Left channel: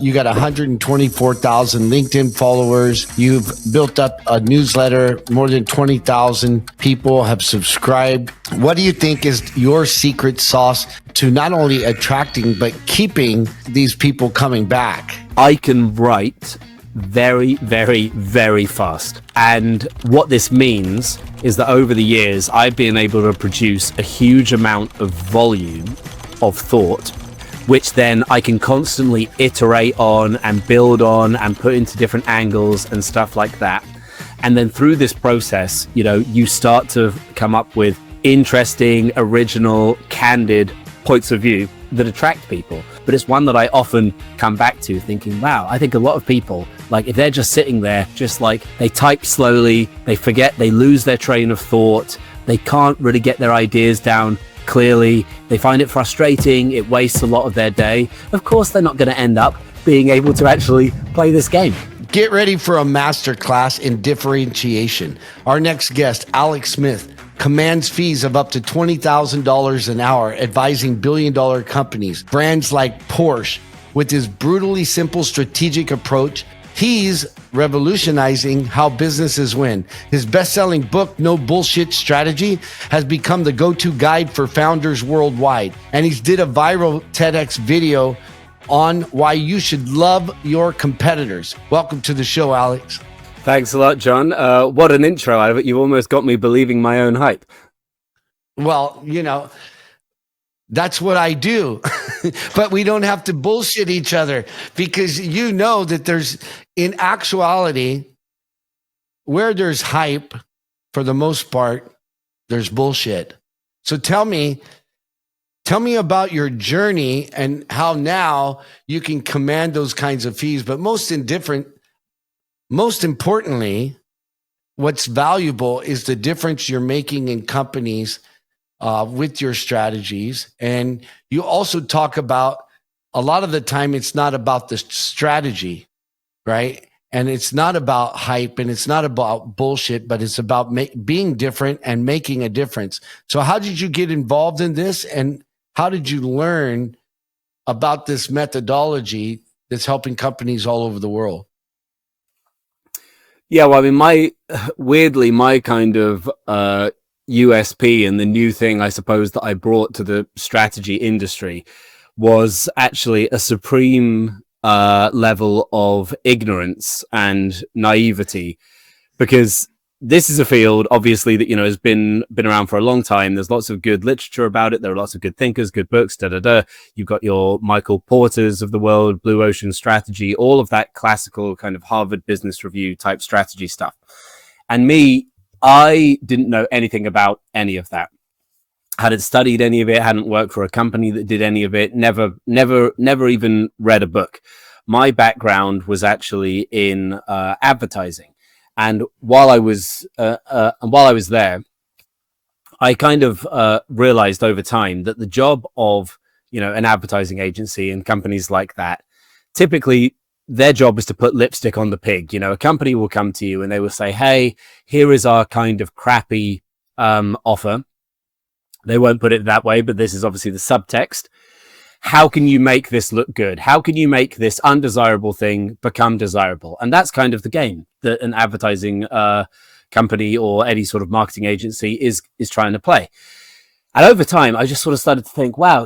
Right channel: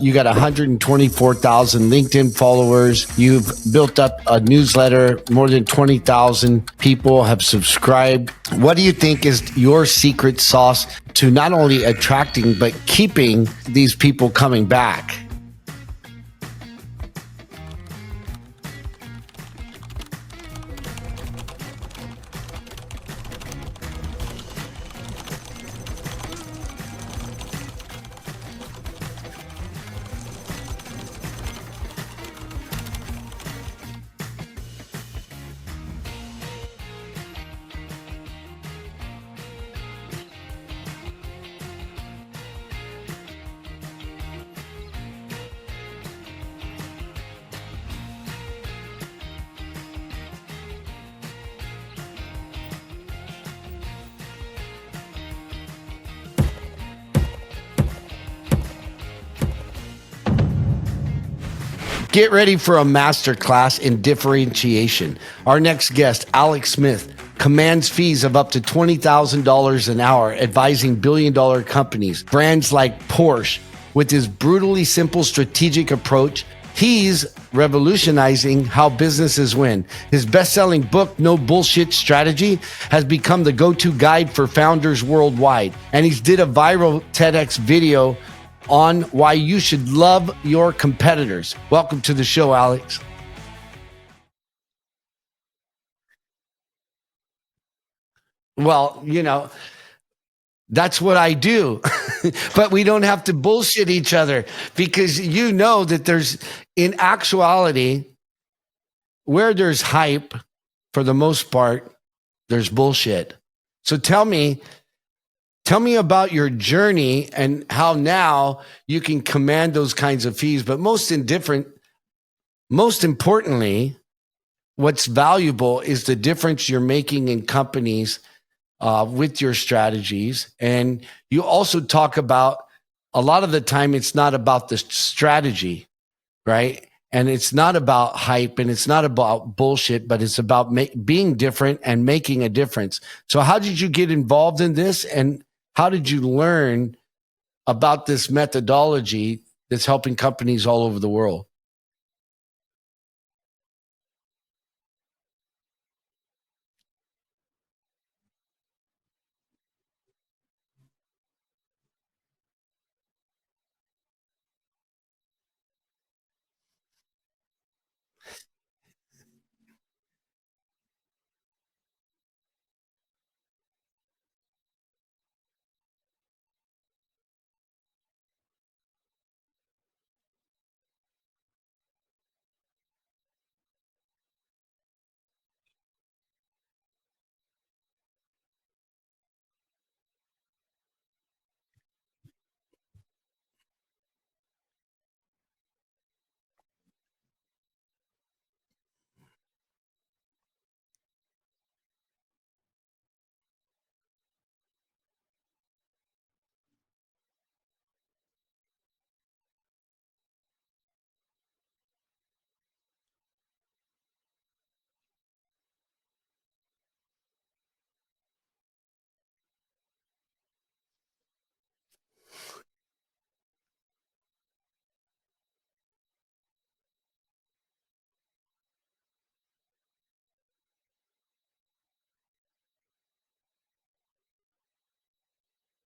You got 124,000 LinkedIn followers. You've built up a newsletter. More than 20,000 people have subscribed. What do you think is your secret sauce to not only attracting, but keeping these people coming back? I can write very, very, very fast. And what this means is that over the years, I've been able to produce a huge amount of volume of thought, which then I can constantly iterate on and build on and put into different angles and stuff like that. And then through this process, you start to come up with interesting, original, candid points of view that attract people. But it's one that I often come back to thinking, wow, I think a lot of people, like if they're just sitting there, just like they type slowly, they forget, they lose their train of thought, they can't really get their ideas down clearly, they find it frustrating, it wastes a lot of their day. Of course, they're not going to end up being able to actually play this game. Get ready for a masterclass in differentiation. Our next guest, Alex Smith, commands fees of up to $20,000 an hour, advising billion-dollar companies, brands like Porsche. With his brutally simple strategic approach, he's revolutionizing how businesses win. His best-selling book, No Bullshit Strategy, has become the go-to guide for founders worldwide. And he's did a viral TEDx video on why you should love your competitors. Welcome to the show, Alex. Thanks a lot, John. What an intro. You've almost got me believing my own hype. Well, that's what I do. But we don't have to bullshit each other, because you know that there's, in actuality, where there's hype, for the most part, there's bullshit. So tell me about your journey and how now you can command those kinds of fees. But most importantly, what's valuable is the difference you're making in companies with your strategies. And you also talk about, a lot of the time, it's not about the strategy, right? And it's not about hype, and it's not about bullshit, but it's about being different and making a difference. So how did you get involved in this? And how did you learn about this methodology that's helping companies all over the world? Yeah, well, I mean, my kind of USP and the new thing, I suppose, that I brought to the strategy industry was actually a supreme level of ignorance and naivety, because this is a field, obviously, that has been around for a long time. There's lots of good literature about it. There are lots of good thinkers, good books. You've got your Michael Porters of the world, Blue Ocean Strategy, all of that classical kind of Harvard Business Review type strategy stuff. And me, I didn't know anything about any of that. Hadn't studied any of it. Hadn't worked for a company that did any of it. Never even read a book. My background was actually in advertising. And while I was there, I kind of realized over time that the job of an advertising agency and companies like that, typically their job is to put lipstick on the pig. A company will come to you and they will say, "Hey, here is our kind of crappy offer." They won't put it that way, but this is obviously the subtext. How can you make this look good? How can you make this undesirable thing become desirable? And that's kind of the game that an advertising company or any sort of marketing agency is trying to play. And over time, I just sort of started to think, wow,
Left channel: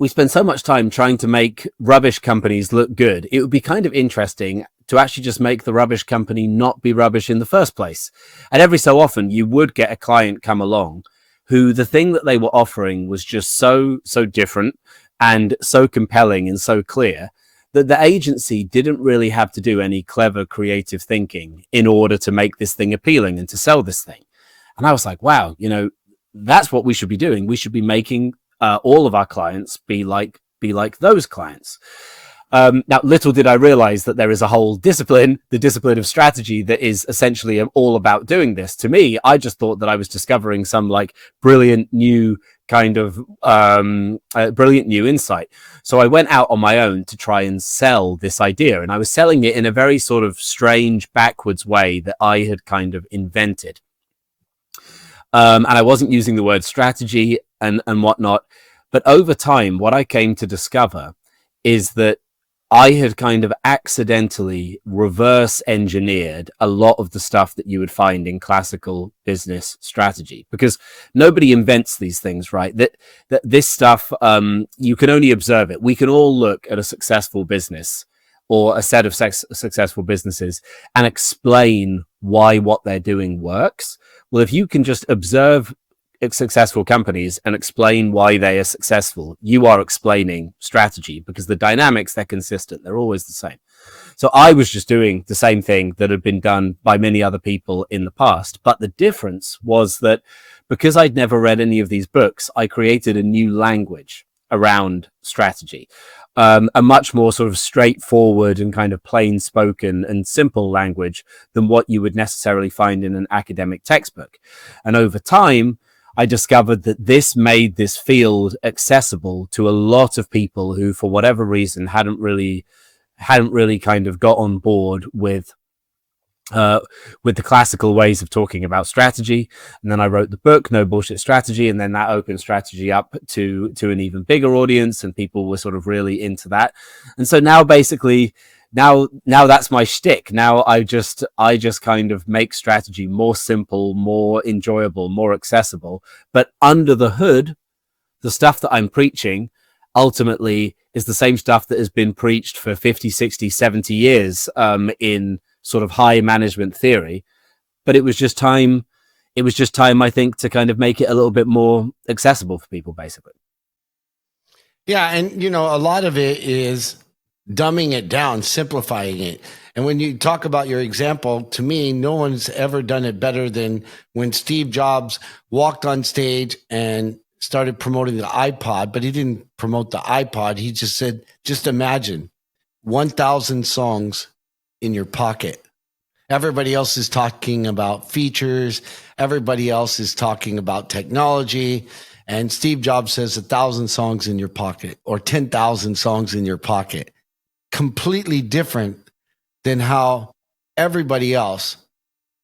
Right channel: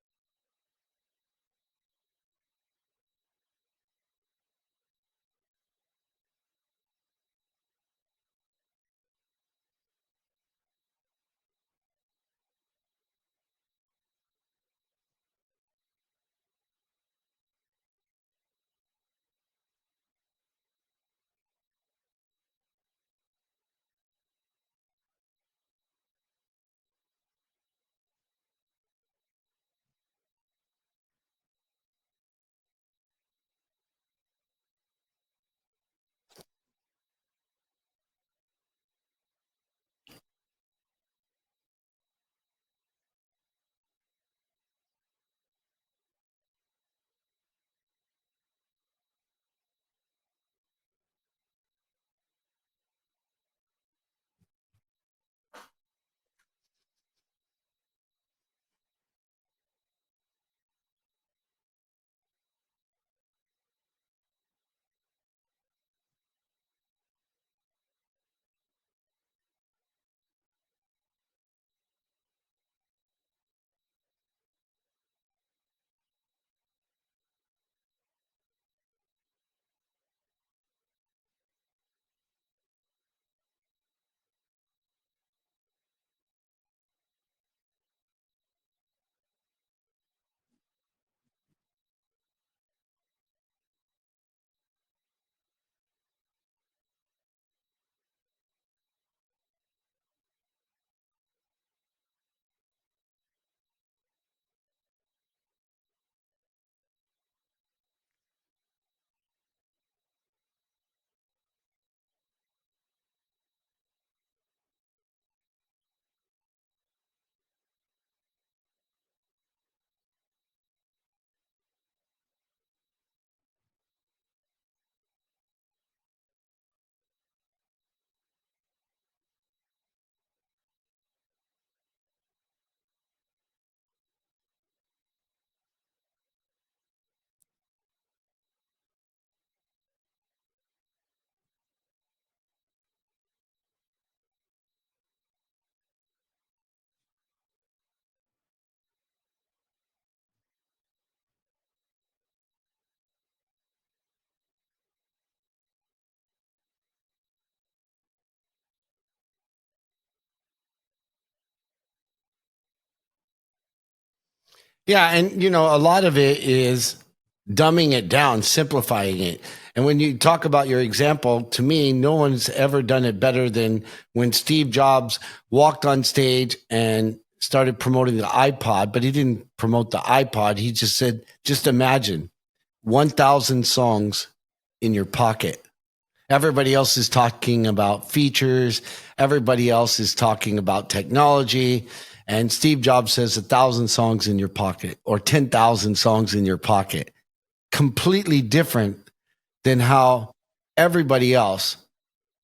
we spend so much time trying to make rubbish companies look good. It would be kind of interesting to actually just make the rubbish company not be rubbish in the first place. And every so often, you would get a client come along who the thing that they were offering was just so different and so compelling and so clear that the agency didn't really have to do any clever creative thinking in order to make this thing appealing and to sell this thing. And I was like, wow, that's what we should be doing. We should be making all of our clients be like those clients. Now, little did I realize that there is a whole discipline, the discipline of strategy, that is essentially all about doing this. To me, I just thought that I was discovering some like brilliant new kind of brilliant new insight. So I went out on my own to try and sell this idea. And I was selling it in a very sort of strange, backwards way that I had kind of invented. And I wasn't using the word strategy and whatnot. But over time, what I came to discover is that I had kind of accidentally reverse engineered a lot of the stuff that you would find in classical business strategy, because nobody invents these things, right? That this stuff, you can only observe it. We can all look at a successful business or a set of successful businesses and explain why what they're doing works. Well, if you can just observe successful companies and explain why they are successful, you are explaining strategy, because the dynamics, they're consistent, they're always the same. So I was just doing the same thing that had been done by many other people in the past, but the difference was that because I'd never read any of these books, I created a new language around strategy, a much more sort of straightforward and kind of plain spoken and simple language than what you would necessarily find in an academic textbook. And over time, I discovered that this made this field accessible to a lot of people who, for whatever reason, hadn't really kind of got on board with the classical ways of talking about strategy. And then I wrote the book, No Bullshit Strategy, and then that opened strategy up to an even bigger audience, and people were sort of really into that. And so now basically, now that's my shtick. Now I just kind of make strategy more simple, more enjoyable, more accessible. But under the hood, the stuff that I'm preaching ultimately is the same stuff that has been preached for 50, 60, 70 years in sort of high management theory. But it was just time, I think, to kind of make it a little bit more accessible for people, basically. Yeah. And, a lot of it is dumbing it down, simplifying it. And when you talk about your example, to me, no one's ever done it better than when Steve Jobs walked on stage and started promoting the iPod, but he didn't promote the iPod. He just said, just imagine 1,000 songs in your pocket. Everybody else is talking about features. Everybody else is talking about technology. And Steve Jobs says 1,000 songs in your pocket or 10,000 songs in your pocket. Completely different than how everybody else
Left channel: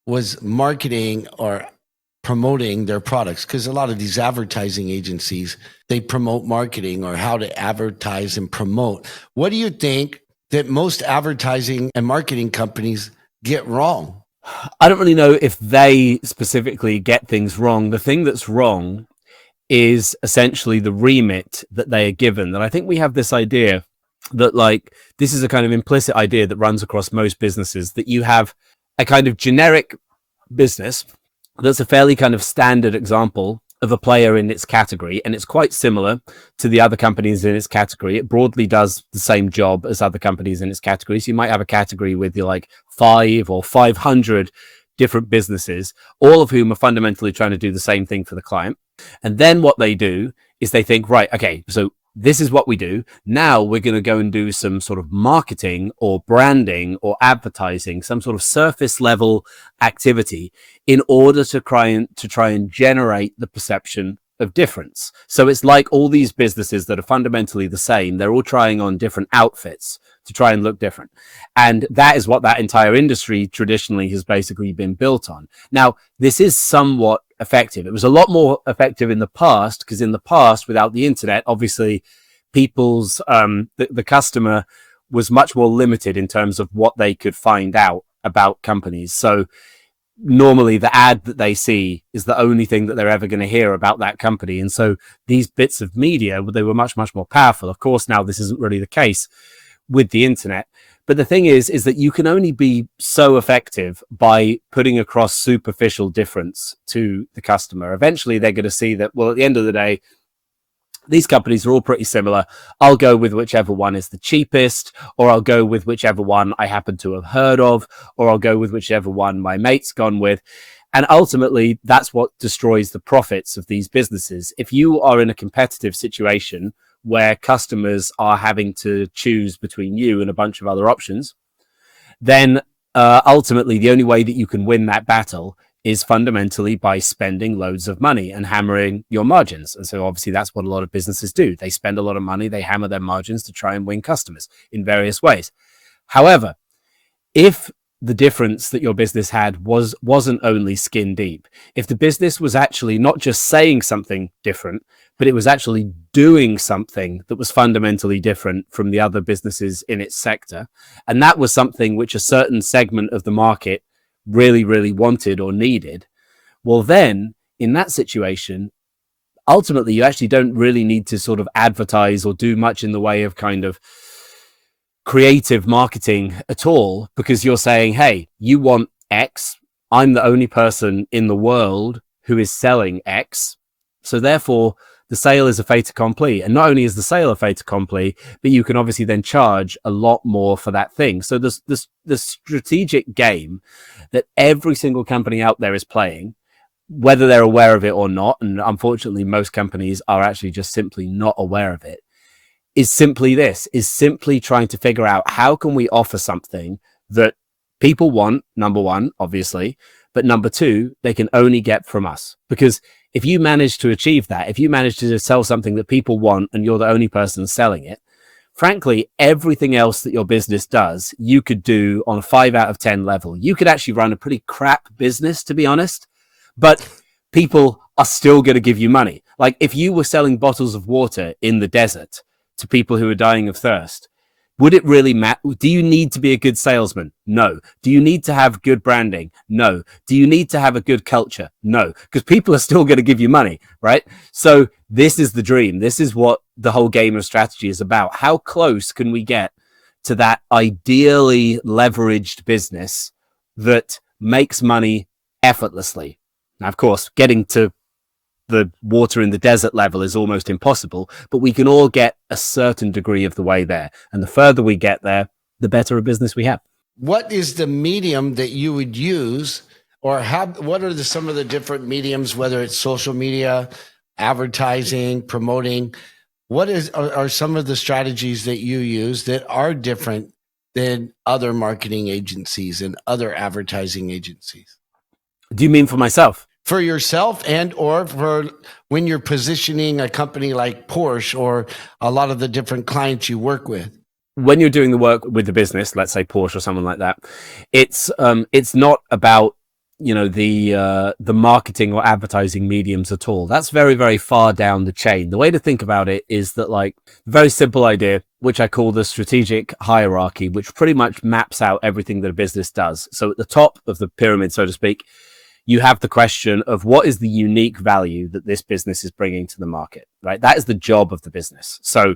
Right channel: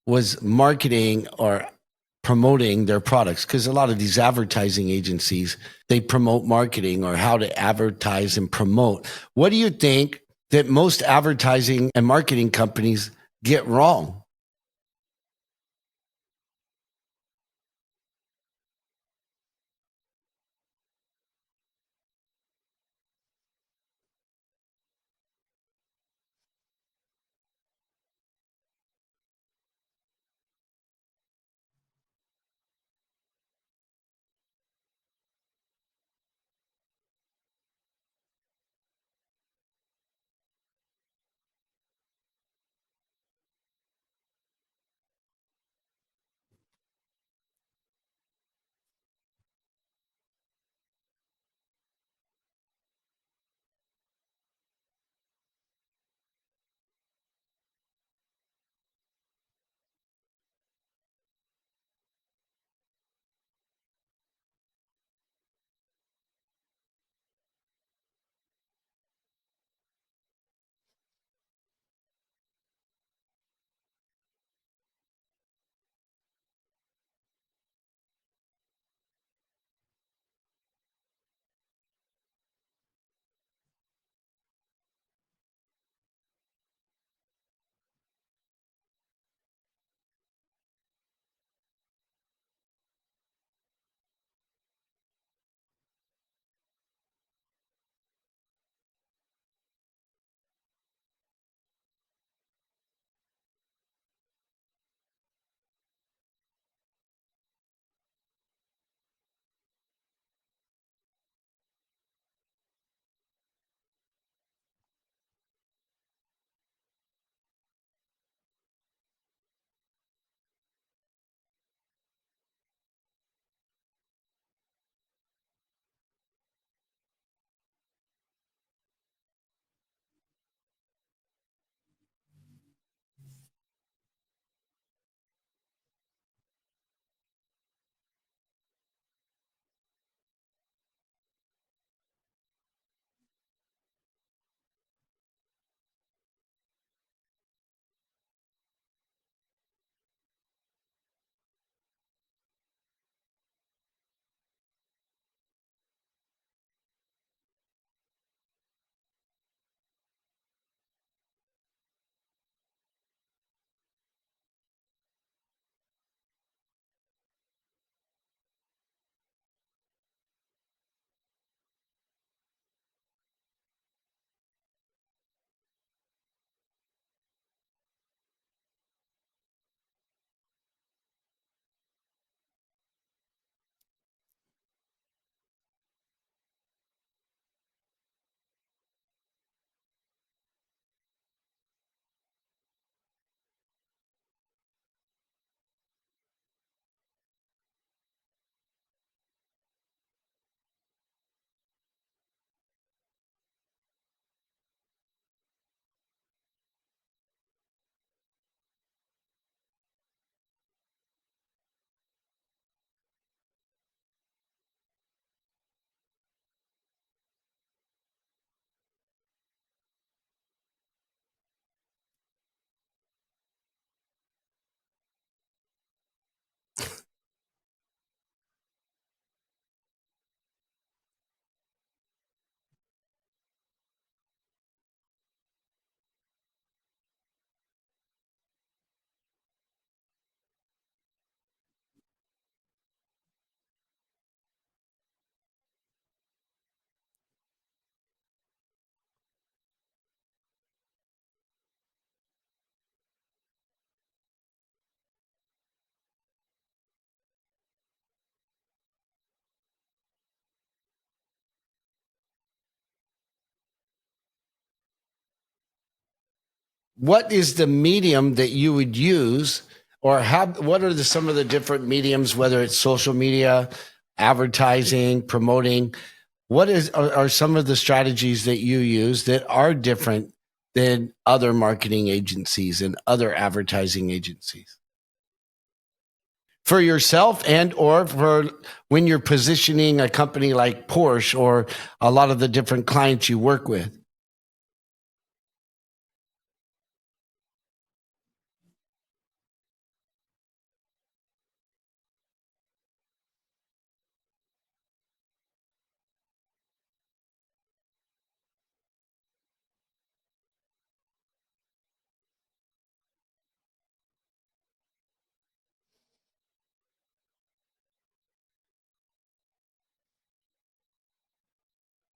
was marketing or promoting their products. Because a lot of these advertising agencies, they promote marketing or how to advertise and promote. What do you think that most advertising and marketing companies get wrong? I don't really know if they specifically get things wrong. The thing that's wrong is essentially the remit that they are given. And I think we have this idea that, like, this is a kind of implicit idea that runs across most businesses, that you have a kind of generic business that's a fairly kind of standard example of a player in its category, and it's quite similar to the other companies in its category. It broadly does the same job as other companies in its category. So you might have a category with 5 or 500 different businesses, all of whom are fundamentally trying to do the same thing for the client. And then what they do is they think, right, okay, so this is what we do. Now we're going to go and do some sort of marketing or branding or advertising, some sort of surface level activity in order to try and generate the perception of difference. So it's like all these businesses that are fundamentally the same, they're all trying on different outfits to try and look different. And that is what that entire industry traditionally has basically been built on. Now, this is somewhat effective. It was a lot more effective in the past, because in the past, without the internet, obviously people's the customer was much more limited in terms of what they could find out about companies. So normally the ad that they see is the only thing that they're ever going to hear about that company. And so these bits of media, they were much, much more powerful. Of course, now this isn't really the case with the internet. But the thing is that you can only be so effective by putting across superficial difference to the customer. Eventually, they're going to see that, well, at the end of the day, these companies are all pretty similar. I'll go with whichever one is the cheapest, or I'll go with whichever one I happen to have heard of, or I'll go with whichever one my mate's gone with. And ultimately, that's what destroys the profits of these businesses. If you are in a competitive situation where customers are having to choose between you and a bunch of other options, then ultimately the only way that you can win that battle is fundamentally by spending loads of money and hammering your margins. And so obviously that's what a lot of businesses do. They spend a lot of money, they hammer their margins to try and win customers in various ways. However, if the difference that your business had wasn't only skin deep, if the business was actually not just saying something different, but it was actually doing something that was fundamentally different from the other businesses in its sector. And that was something which a certain segment of the market really, really wanted or needed. Well, then in that situation, ultimately, you actually don't really need to sort of advertise or do much in the way of kind of creative marketing at all, because you're saying, hey, you want X. I'm the only person in the world who is selling X. So therefore, the sale is a fait accompli. And not only is the sale a fait accompli, but you can obviously then charge a lot more for that thing. So the strategic game that every single company out there is playing, whether they're aware of it or not, and unfortunately most companies are actually just simply not aware of it, is simply trying to figure out how can we offer something that people want, number one, obviously, but number two, they can only get from us. Because if you manage to achieve that, if you manage to sell something that people want and you're the only person selling it, frankly, everything else that your business does, you could do on a 5 out of 10 level. You could actually run a pretty crap business, to be honest, but people are still going to give you money. Like if you were selling bottles of water in the desert to people who are dying of thirst, would it really matter? Do you need to be a good salesman? No. Do you need to have good branding? No. Do you need to have a good culture? No, because people are still going to give you money, right? So this is the dream. This is what the whole game of strategy is about. How close can we get to that ideally leveraged business that makes money effortlessly? Now, of course, getting to the water in the desert level is almost impossible, but we can all get a certain degree of the way there. And the further we get there, the better a business we have. What is the medium that you would use, or what are some of the different mediums, whether it's social media, advertising, promoting? What are some of the strategies that you use that are different than other marketing agencies and other advertising agencies? Do you mean for myself? For yourself and or for when you're positioning a company like Porsche or a lot of the different clients you work with? When you're doing the work with the business, let's say Porsche or someone like that, it's not about the marketing or advertising mediums at all. That's very, very far down the chain. The way to think about it is that, like, very simple idea, which I call the strategic hierarchy, which pretty much maps out everything that a business does. So at the top of the pyramid, so to speak, you have the question of what is the unique value that this business is bringing to the market, right? That is the job of the business. So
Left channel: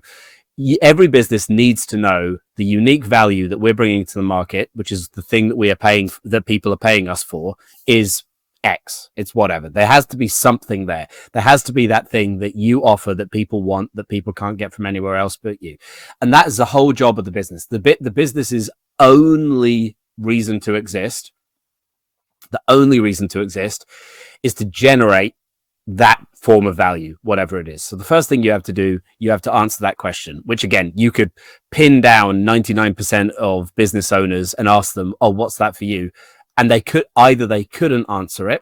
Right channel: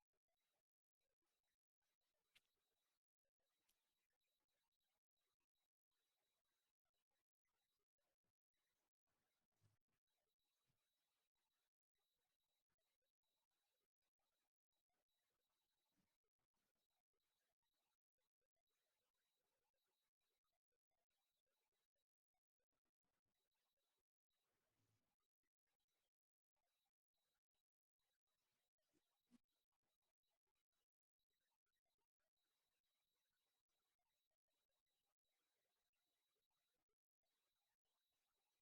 every business needs to know the unique value that we're bringing to the market, which is the thing that we are paying, that people are paying us for, is X. It's whatever. There has to be something there. There has to be that thing that you offer that people want, that people can't get from anywhere else but you. And that is the whole job of the business. The business's only reason to exist, is to generate that form of value, whatever it is. So the first thing you have to do, you have to answer that question, which again, you could pin down 99% of business owners and ask them, oh, what's that for you? And they couldn't answer it,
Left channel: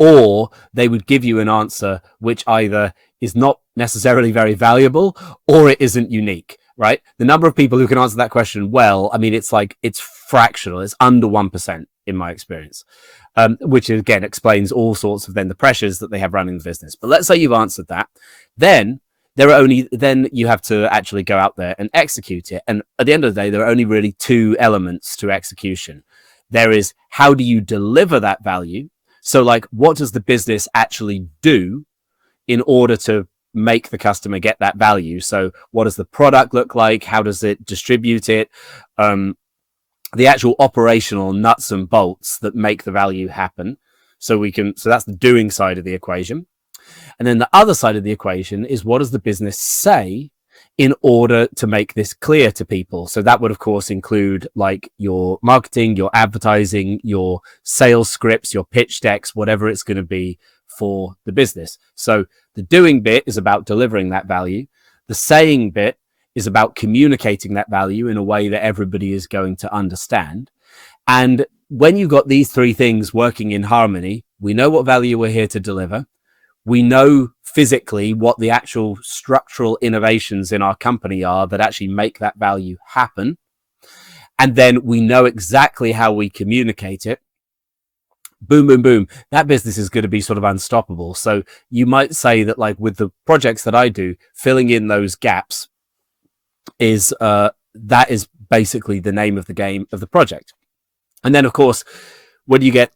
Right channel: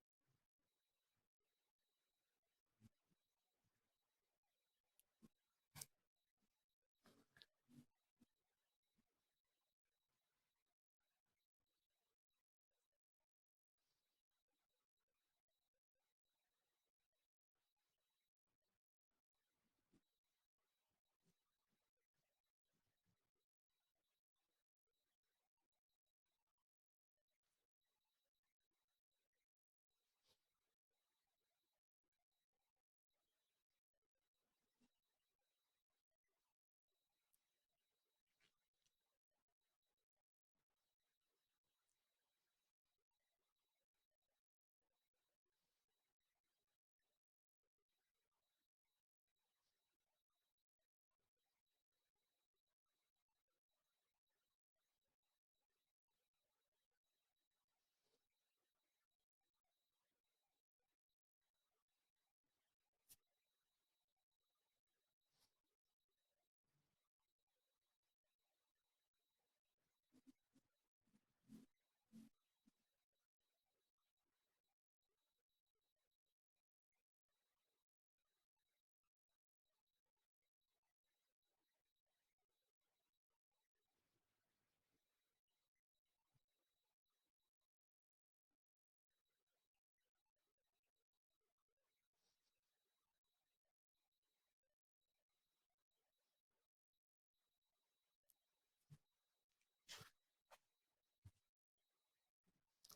or they would give you an answer which either is not necessarily very valuable or it isn't unique, right? The number of people who can answer that question well, I mean, it's fractional. It's under 1% in my experience, which again explains all sorts of then the pressures that they have running the business. But let's say you've answered that, then you have to actually go out there and execute it. And at the end of the day, there are only really two elements to execution. There is, how do you deliver that value? So like, what does the business actually do in order to make the customer get that value? So what does the product look like? How does it distribute it? The actual operational nuts and bolts that make the value happen. So that's the doing side of the equation. And then the other side of the equation is, what does the business say in order to make this clear to people? So that would, of course, include like your marketing, your advertising, your sales scripts, your pitch decks, whatever it's going to be for the business. So the doing bit is about delivering that value. The saying bit is about communicating that value in a way that everybody is going to understand. And when you've got these three things working in harmony, we know what value we're here to deliver. We know physically what the actual structural innovations in our company are that actually make that value happen. And then we know exactly how we communicate it. boom, boom, boom, that business is going to be sort of unstoppable. So you might say that, like, with the projects that I do, filling in those gaps is that is basically the name of the game of the project. And then, of course, when you get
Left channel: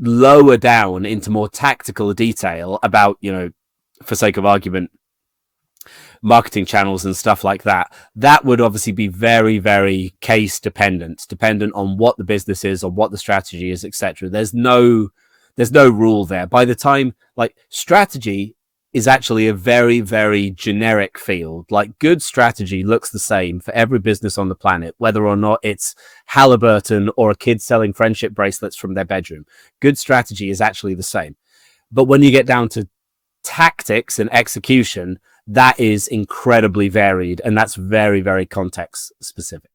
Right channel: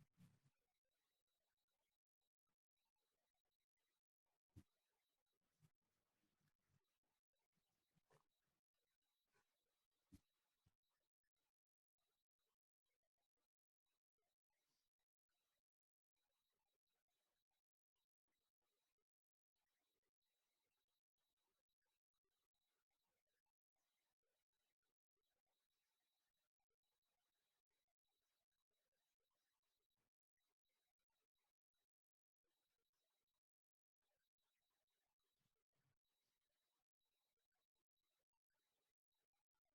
lower down into more tactical detail about, for sake of argument, marketing channels and stuff like that, that would obviously be very, very case dependent on what the business is or what the strategy is, etc. There's no rule there. By the time, like, strategy is actually a very, very generic field. Like, good strategy looks the same for every business on the planet, whether or not it's Halliburton or a kid selling friendship bracelets from their bedroom. Good strategy is actually the same. But when you get down to tactics and execution, that is incredibly varied, and that's very, very context specific.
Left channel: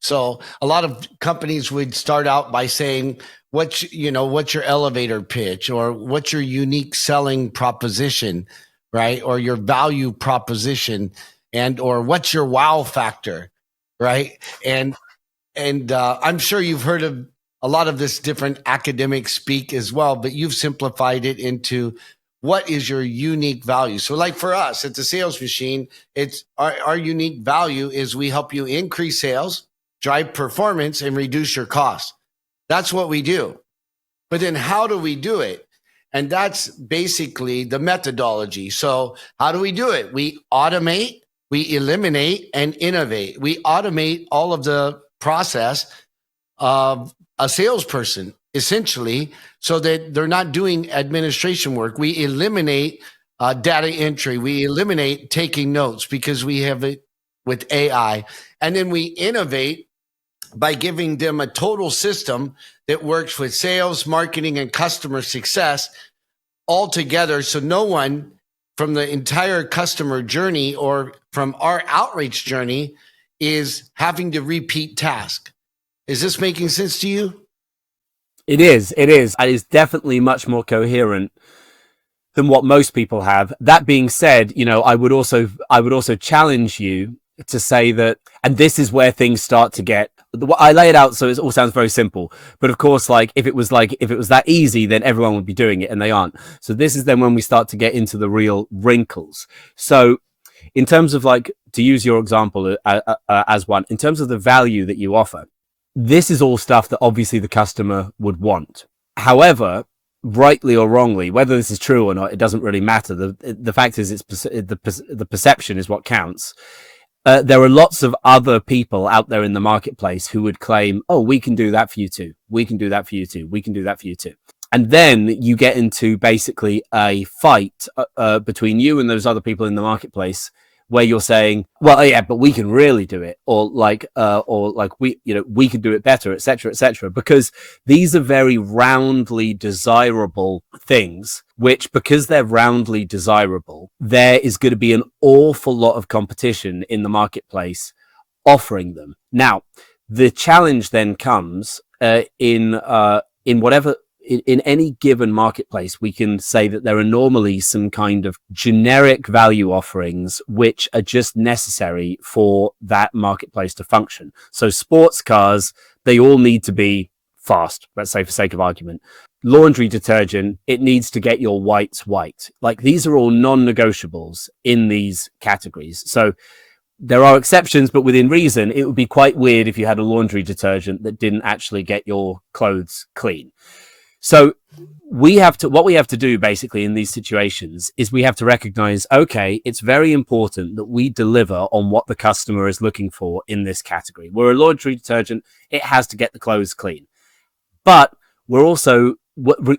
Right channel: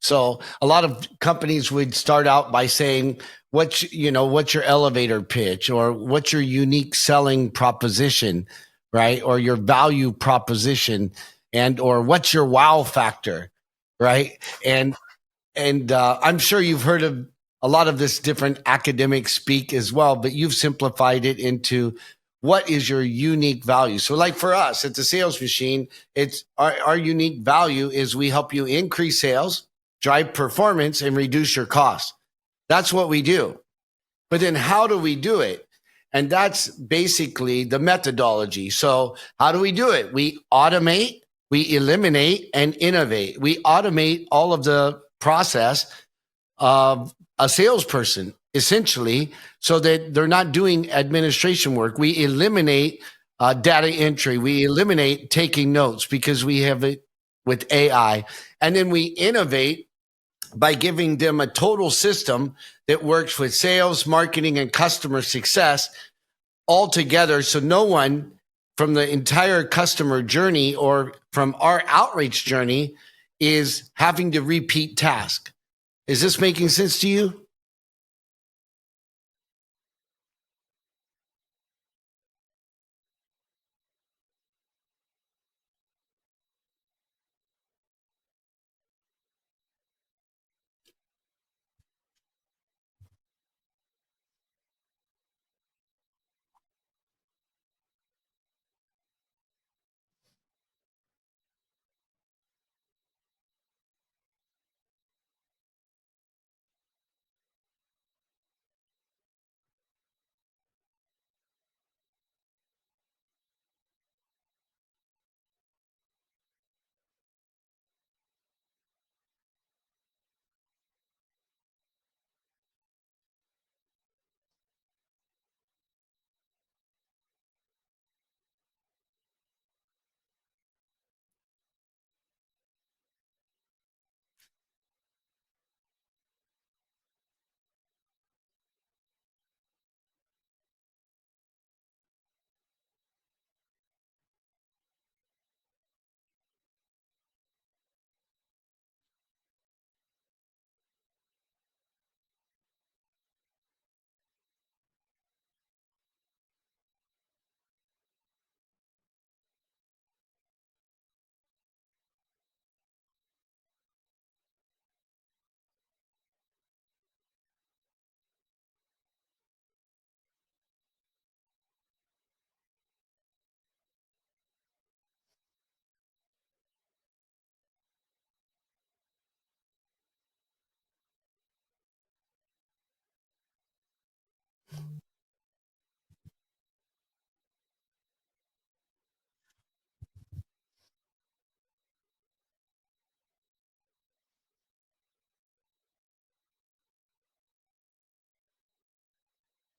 So a lot of companies would start out by saying, what's your elevator pitch, or what's your unique selling proposition, right? Or your value proposition, or what's your wow factor, right? And I'm sure you've heard of a lot of this different academic speak as well, but you've simplified it into what is your unique value. So, like, for us at the Sales Machine, it's our unique value is we help you increase sales, drive performance, and reduce your costs. That's what we do. But then how do we do it? And that's basically the methodology. So how do we do it? We automate, we eliminate, and innovate. We automate all of the process of a salesperson, essentially, so that they're not doing administration work. We eliminate data entry. We eliminate taking notes because we have it with AI. And then we innovate by giving them a total system that works with sales, marketing, and customer success all together. So no one from the entire customer journey or from our outreach journey is having to repeat task. Is this making sense to you? It is. It is definitely much more coherent than what most people have. That being said, I would also challenge you to say that, and this is where things start to get, I lay it out so it all sounds very simple, but of course, if it was that easy, then everyone would be doing it, and they aren't. So this is then when we start to get into the real wrinkles. So in terms of, like, to use your example as one, in terms of the value that you offer, this is all stuff that obviously the customer would want. However, rightly or wrongly, whether this is true or not, it doesn't really matter. The fact is, the perception is what counts. There are lots of other people out there in the marketplace who would claim, oh, we can do that for you too. We can do that for you too. We can do that for you too. And then you get into basically a fight between you and those other people in the marketplace, where you're saying, well, yeah, but we can really do it, or we can do it better, et cetera, because these are very roundly desirable things, which, because they're roundly desirable, there is going to be an awful lot of competition in the marketplace offering them. Now, the challenge then comes in any given marketplace. We can say that there are normally some kind of generic value offerings which are just necessary for that marketplace to function. So sports cars, they all need to be fast, let's say, for sake of argument. Laundry detergent, it needs to get your whites white. Like, these are all non-negotiables in these categories. So there are exceptions, but within reason. It would be quite weird if you had a laundry detergent that didn't actually get your clothes clean. So what we have to do basically in these situations is we have to recognize, okay, it's very important that we deliver on what the customer is looking for in this category. We're a laundry detergent. It has to get the clothes clean. But we're also,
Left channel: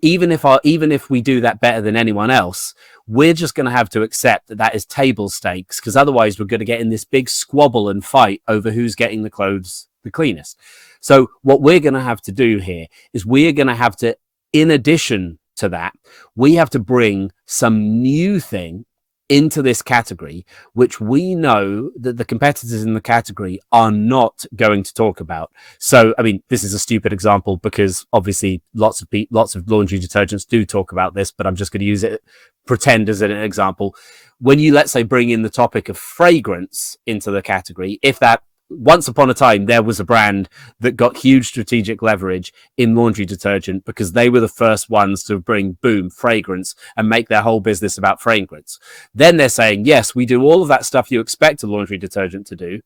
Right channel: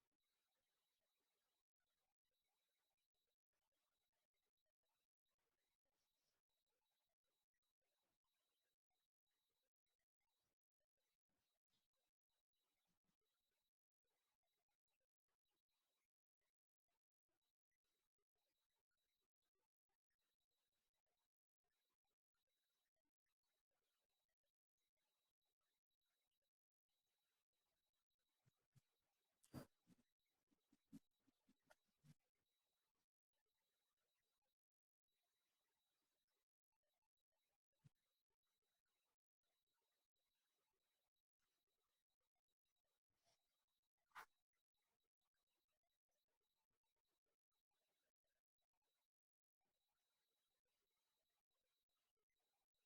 even if we do that better than anyone else, we're just going to have to accept that is table stakes, because otherwise we're going to get in this big squabble and fight over who's getting the clothes the cleanest. So what we're going to have to do here is we're going to have to, in addition to that, we have to bring some new thing into this category, which we know that the competitors in the category are not going to talk about. So, I mean, this is a stupid example because obviously lots of laundry detergents do talk about this, but I'm just going to use it, pretend as an example. When you, let's say, bring in the topic of fragrance into the category, if that once upon a time, there was a brand that got huge strategic leverage in laundry detergent because they were the first ones to bring, boom, fragrance and make their whole business about fragrance. Then they're saying, yes, we do all of that stuff you expect a laundry detergent to do,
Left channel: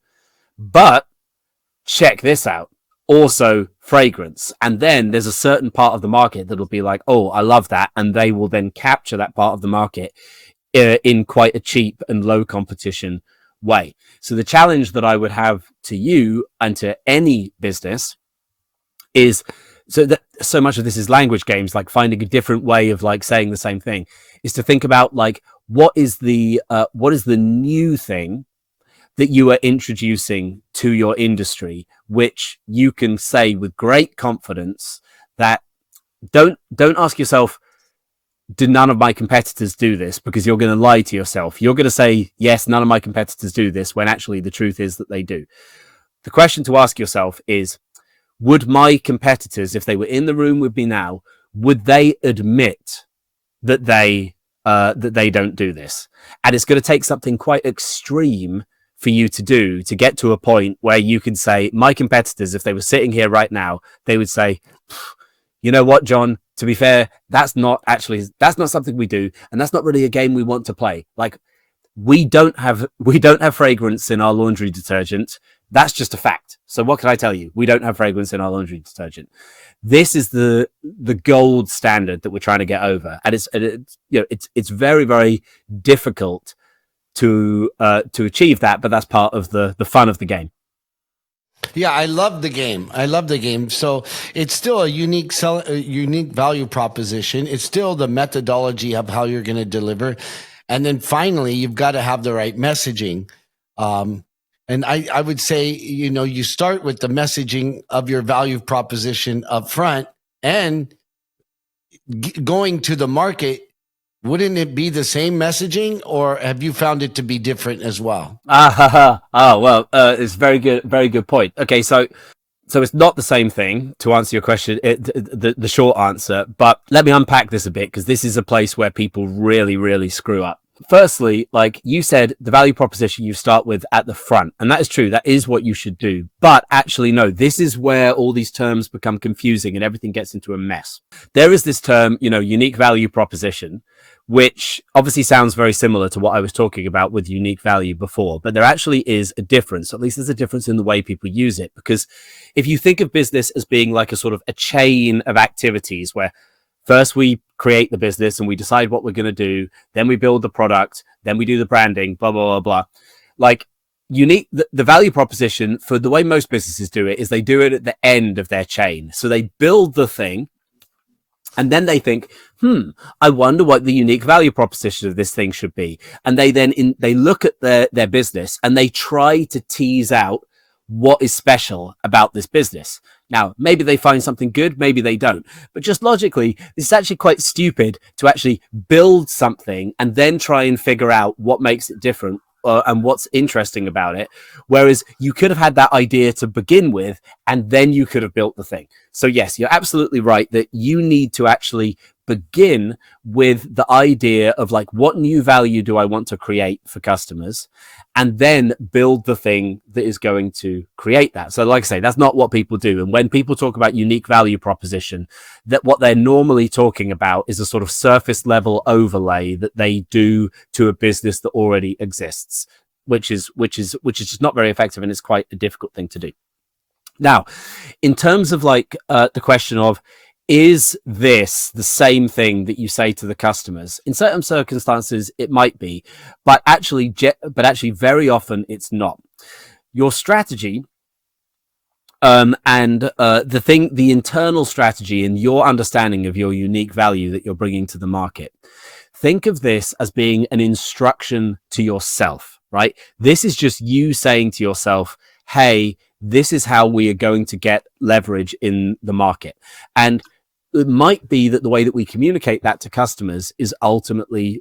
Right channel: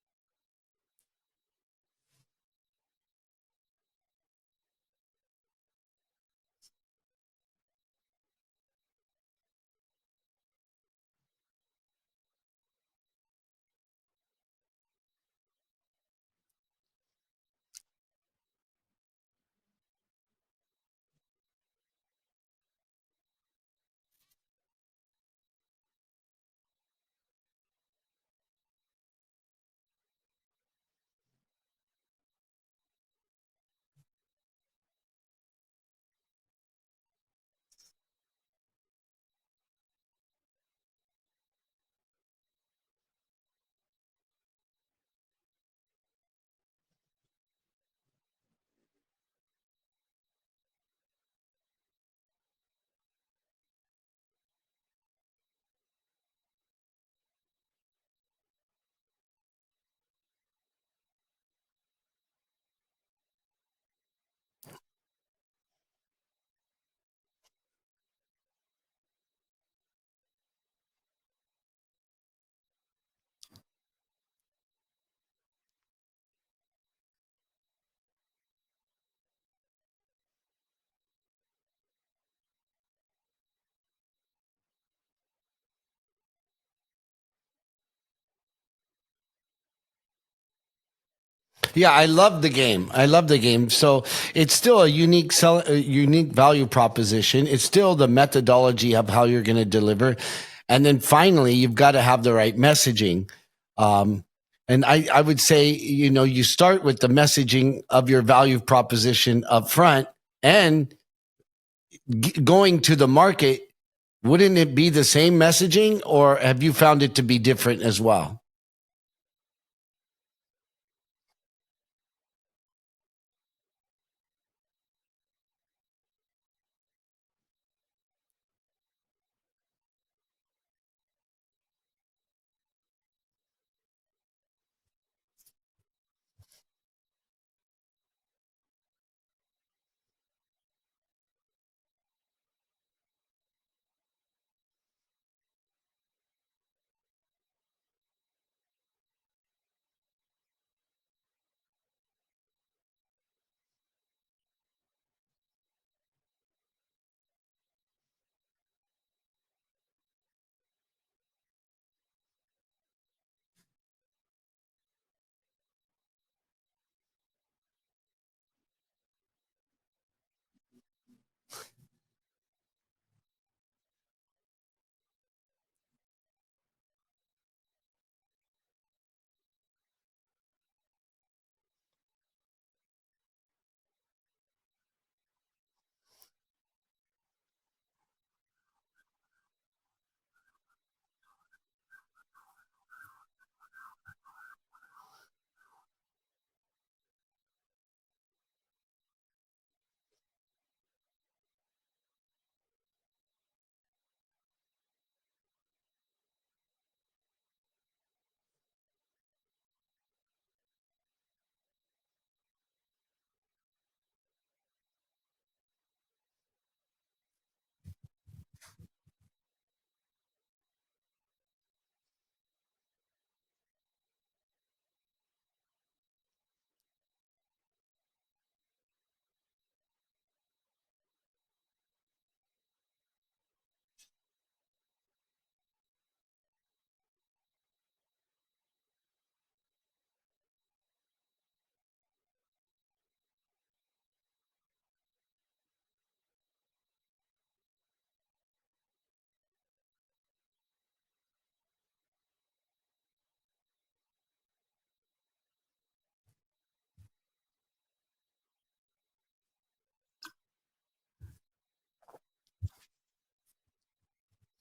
but check this out. Also fragrance. And then there's a certain part of the market that'll be like, oh, I love that. And they will then capture that part of the market in quite a cheap and low competition way. So the challenge that I would have to you and to any business is so much of this is language games, like finding a different way of like saying the same thing, is to think about like what is the new thing that you are introducing to your industry, which you can say with great confidence that don't ask yourself, do none of my competitors do this? Because you're going to lie to yourself. You're going to say, yes, none of my competitors do this, when actually the truth is that they do. The question to ask yourself is, would my competitors, if they were in the room with me now, would they admit that they don't do this? And it's going to take something quite extreme for you to do to get to a point where you can say, my competitors, if they were sitting here right now, they would say, you know what, John, to be fair, that's not something we do. And that's not really a game we want to play. Like, we don't have fragrance in our laundry detergent. That's just a fact. So what can I tell you? We don't have fragrance in our laundry detergent. This is the gold standard that we're trying to get over. And it's very, very difficult to achieve that, but that's part of the fun of the game. Yeah, I love the game. So it's still a unique value proposition. It's still the methodology of how you're going to deliver. And then finally, you've got to have the right messaging. And I would say, you start with the messaging of your value proposition up front, and going to the market. Wouldn't it be the same messaging, or have you found it to be different as well? It's very good point. Okay, so it's not the same thing, to answer your question, the short answer, but let me unpack this a bit, because this is a place where people really, really screw up. Firstly, like you said, the value proposition you start with at the front, and that is true. That is what you should do. But actually, no, this is where all these terms become confusing and everything gets into a mess. There is this term, unique value proposition, which obviously sounds very similar to what I was talking about with unique value before, but there actually is a difference. At least there's a difference in the way people use it, because if you think of business as being like a sort of a chain of activities where first we create the business and we decide what we're going to do, then we build the product, then we do the branding, blah, blah, blah, blah. Like unique, the value proposition for the way most businesses do it is they do it at the end of their chain. So they build the thing, and then they think, I wonder what the unique value proposition of this thing should be. And they then they look at their business and they try to tease out what is special about this business. Now, maybe they find something good, maybe they don't. But just logically, it's actually quite stupid to actually build something and then try and figure out what makes it different and what's interesting about it. Whereas you could have had that idea to begin with, and then you could have built the thing. So yes, you're absolutely right that you need to actually begin with the idea of like, what new value do I want to create for customers? And then build the thing that is going to create that. So like I say, that's not what people do. And when people talk about unique value proposition, that what they're normally talking about is a sort of surface level overlay that they do to a business that already exists, which is just not very effective, and it's quite a difficult thing to do. Now, in terms of like the question of, is this the same thing that you say to the customers? In certain circumstances, it might be, but actually very often it's not. Your strategy and the internal strategy and your understanding of your unique value that you're bringing to the market. Think of this as being an instruction to yourself, right? This is just you saying to yourself, hey, this is how we are going to get leverage in the market. And it might be that the way that we communicate that to customers is ultimately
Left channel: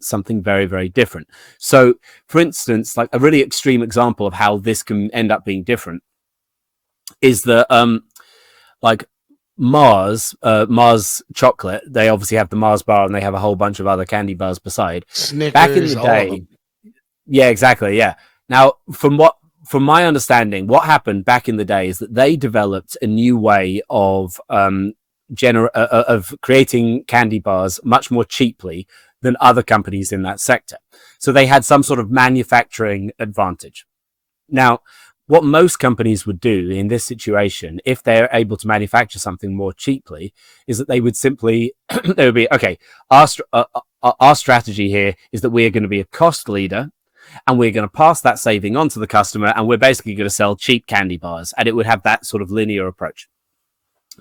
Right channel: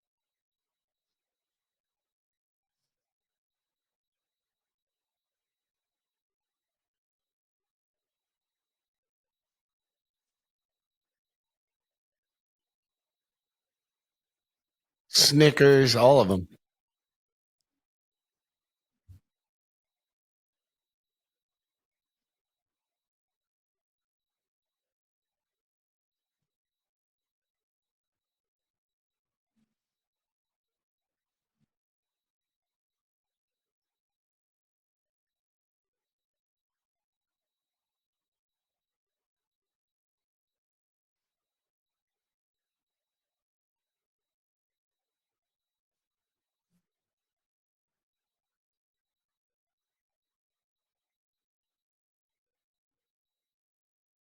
something very, very different. So, for instance, like a really extreme example of how this can end up being different is that, like Mars chocolate. They obviously have the Mars bar, and they have a whole bunch of other candy bars beside. Snickers, all of them. Yeah, exactly. Yeah. Now, from what from my understanding, what happened back in the day is that they developed a new way of creating candy bars much more cheaply than other companies in that sector. So they had some sort of manufacturing advantage. Now, what most companies would do in this situation, if they're able to manufacture something more cheaply, is that they would simply, they would be, okay, our strategy here is that we are going to be a cost leader, and we're going to pass that saving on to the customer, and we're basically going to sell cheap candy bars, and it would have that sort of linear approach.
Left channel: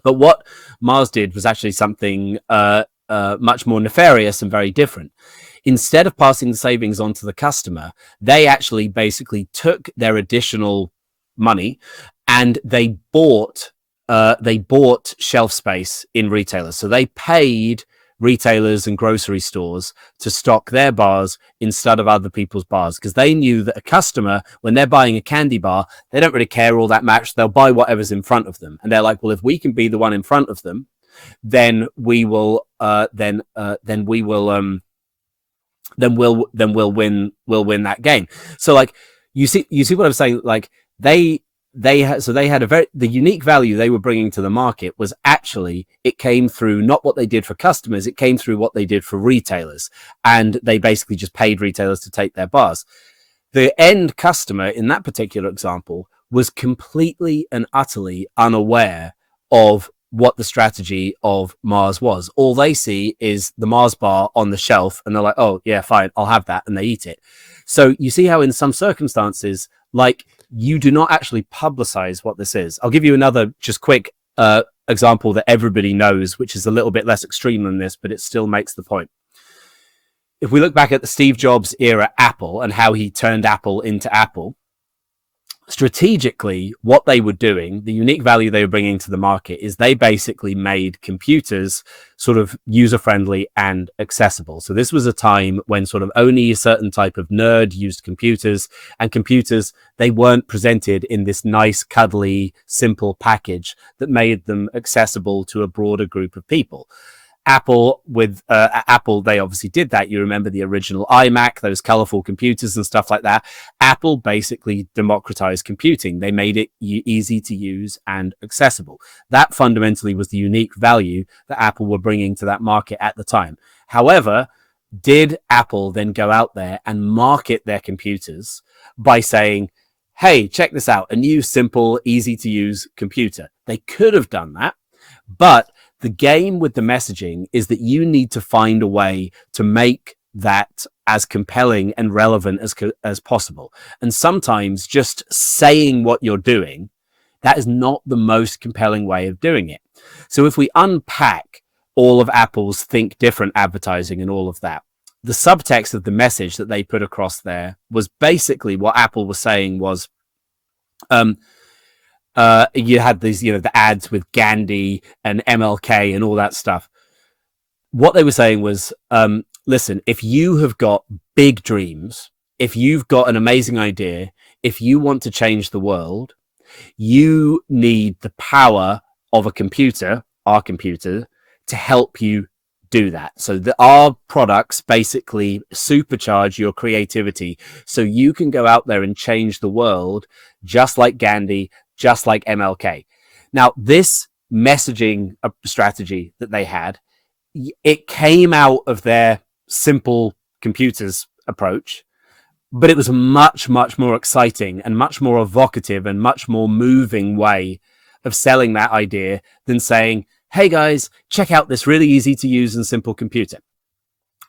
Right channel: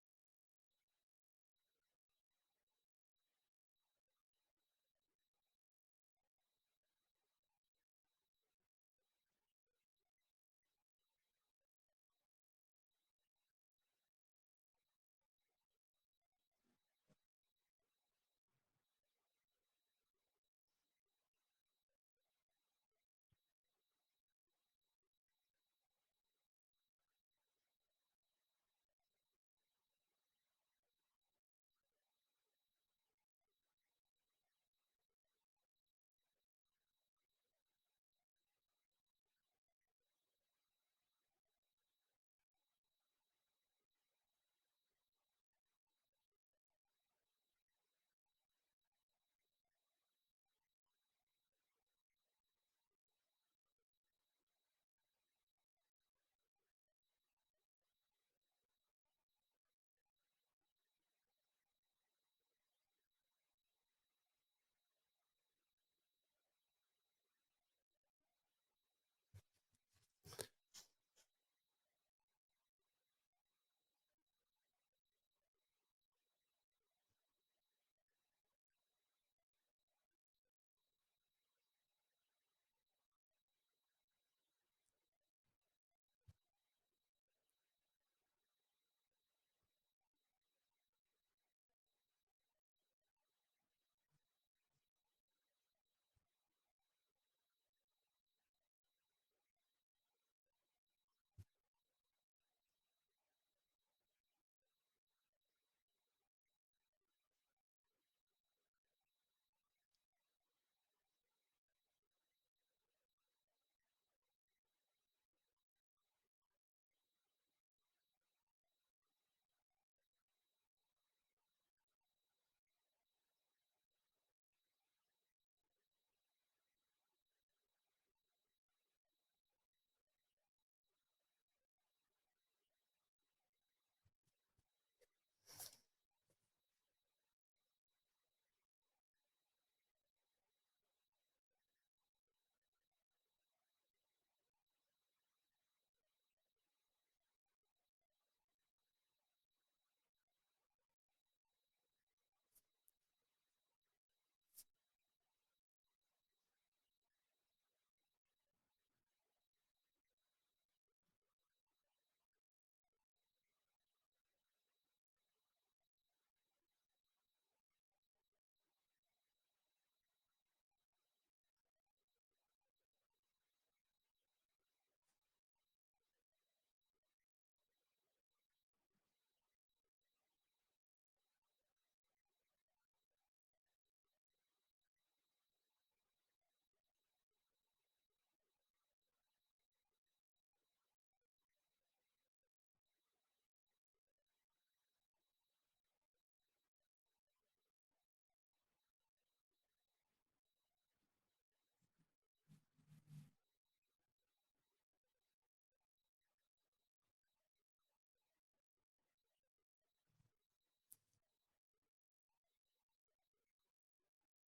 But what Mars did was actually something much more nefarious and very different. Instead of passing the savings on to the customer, they actually basically took their additional money and they bought shelf space in retailers. So they paid retailers and grocery stores to stock their bars instead of other people's bars, because they knew that a customer, when they're buying a candy bar, they don't really care all that much. They'll buy whatever's in front of them, and they're like, well, if we can be the one in front of them, then we'll win that game. So like you see what I'm saying? Like the unique value they were bringing to the market was actually, it came through not what they did for customers, it came through what they did for retailers, and they basically just paid retailers to take their bars. The end customer in that particular example was completely and utterly unaware of what the strategy of Mars was. All they see is the Mars bar on the shelf, and they're like, oh yeah, fine, I'll have that, and they eat it. So you see how in some circumstances, like, you do not actually publicize what this is. I'll give you another just quick example that everybody knows, which is a little bit less extreme than this, but it still makes the point. If we look back at the Steve Jobs era Apple and how he turned Apple into Apple, strategically, what they were doing, the unique value they were bringing to the market, is they basically made computers sort of user-friendly and accessible. So this was a time when sort of only a certain type of nerd used computers, and computers, they weren't presented in this nice, cuddly, simple package that made them accessible to a broader group of people. Apple, they obviously did that. You remember the original iMac, those colorful computers and stuff like that. Apple basically democratized computing. They made it easy to use and accessible. That fundamentally was the unique value that Apple were bringing to that market at the time. However, did Apple then go out there and market their computers by saying, hey, check this out, a new, simple, easy to use computer? They could have done that, but the game with the messaging is that you need to find a way to make that as compelling and relevant as possible. And sometimes just saying what you're doing, that is not the most compelling way of doing it. So if we unpack all of Apple's think different advertising and all of that, the subtext of the message that they put across there was basically what Apple was saying was, you had these, the ads with Gandhi and MLK and all that stuff. What they were saying was, listen, if you have got big dreams, if you've got an amazing idea, if you want to change the world, you need the power of a computer, our computer, to help you do that. So our products basically supercharge your creativity so you can go out there and change the world just like Gandhi, just like MLK. Now, this messaging strategy that they had, it came out of their simple computers approach, but it was a much, much more exciting and much more evocative and much more moving way of selling that idea than saying, hey guys, check out this really easy to use and simple computer.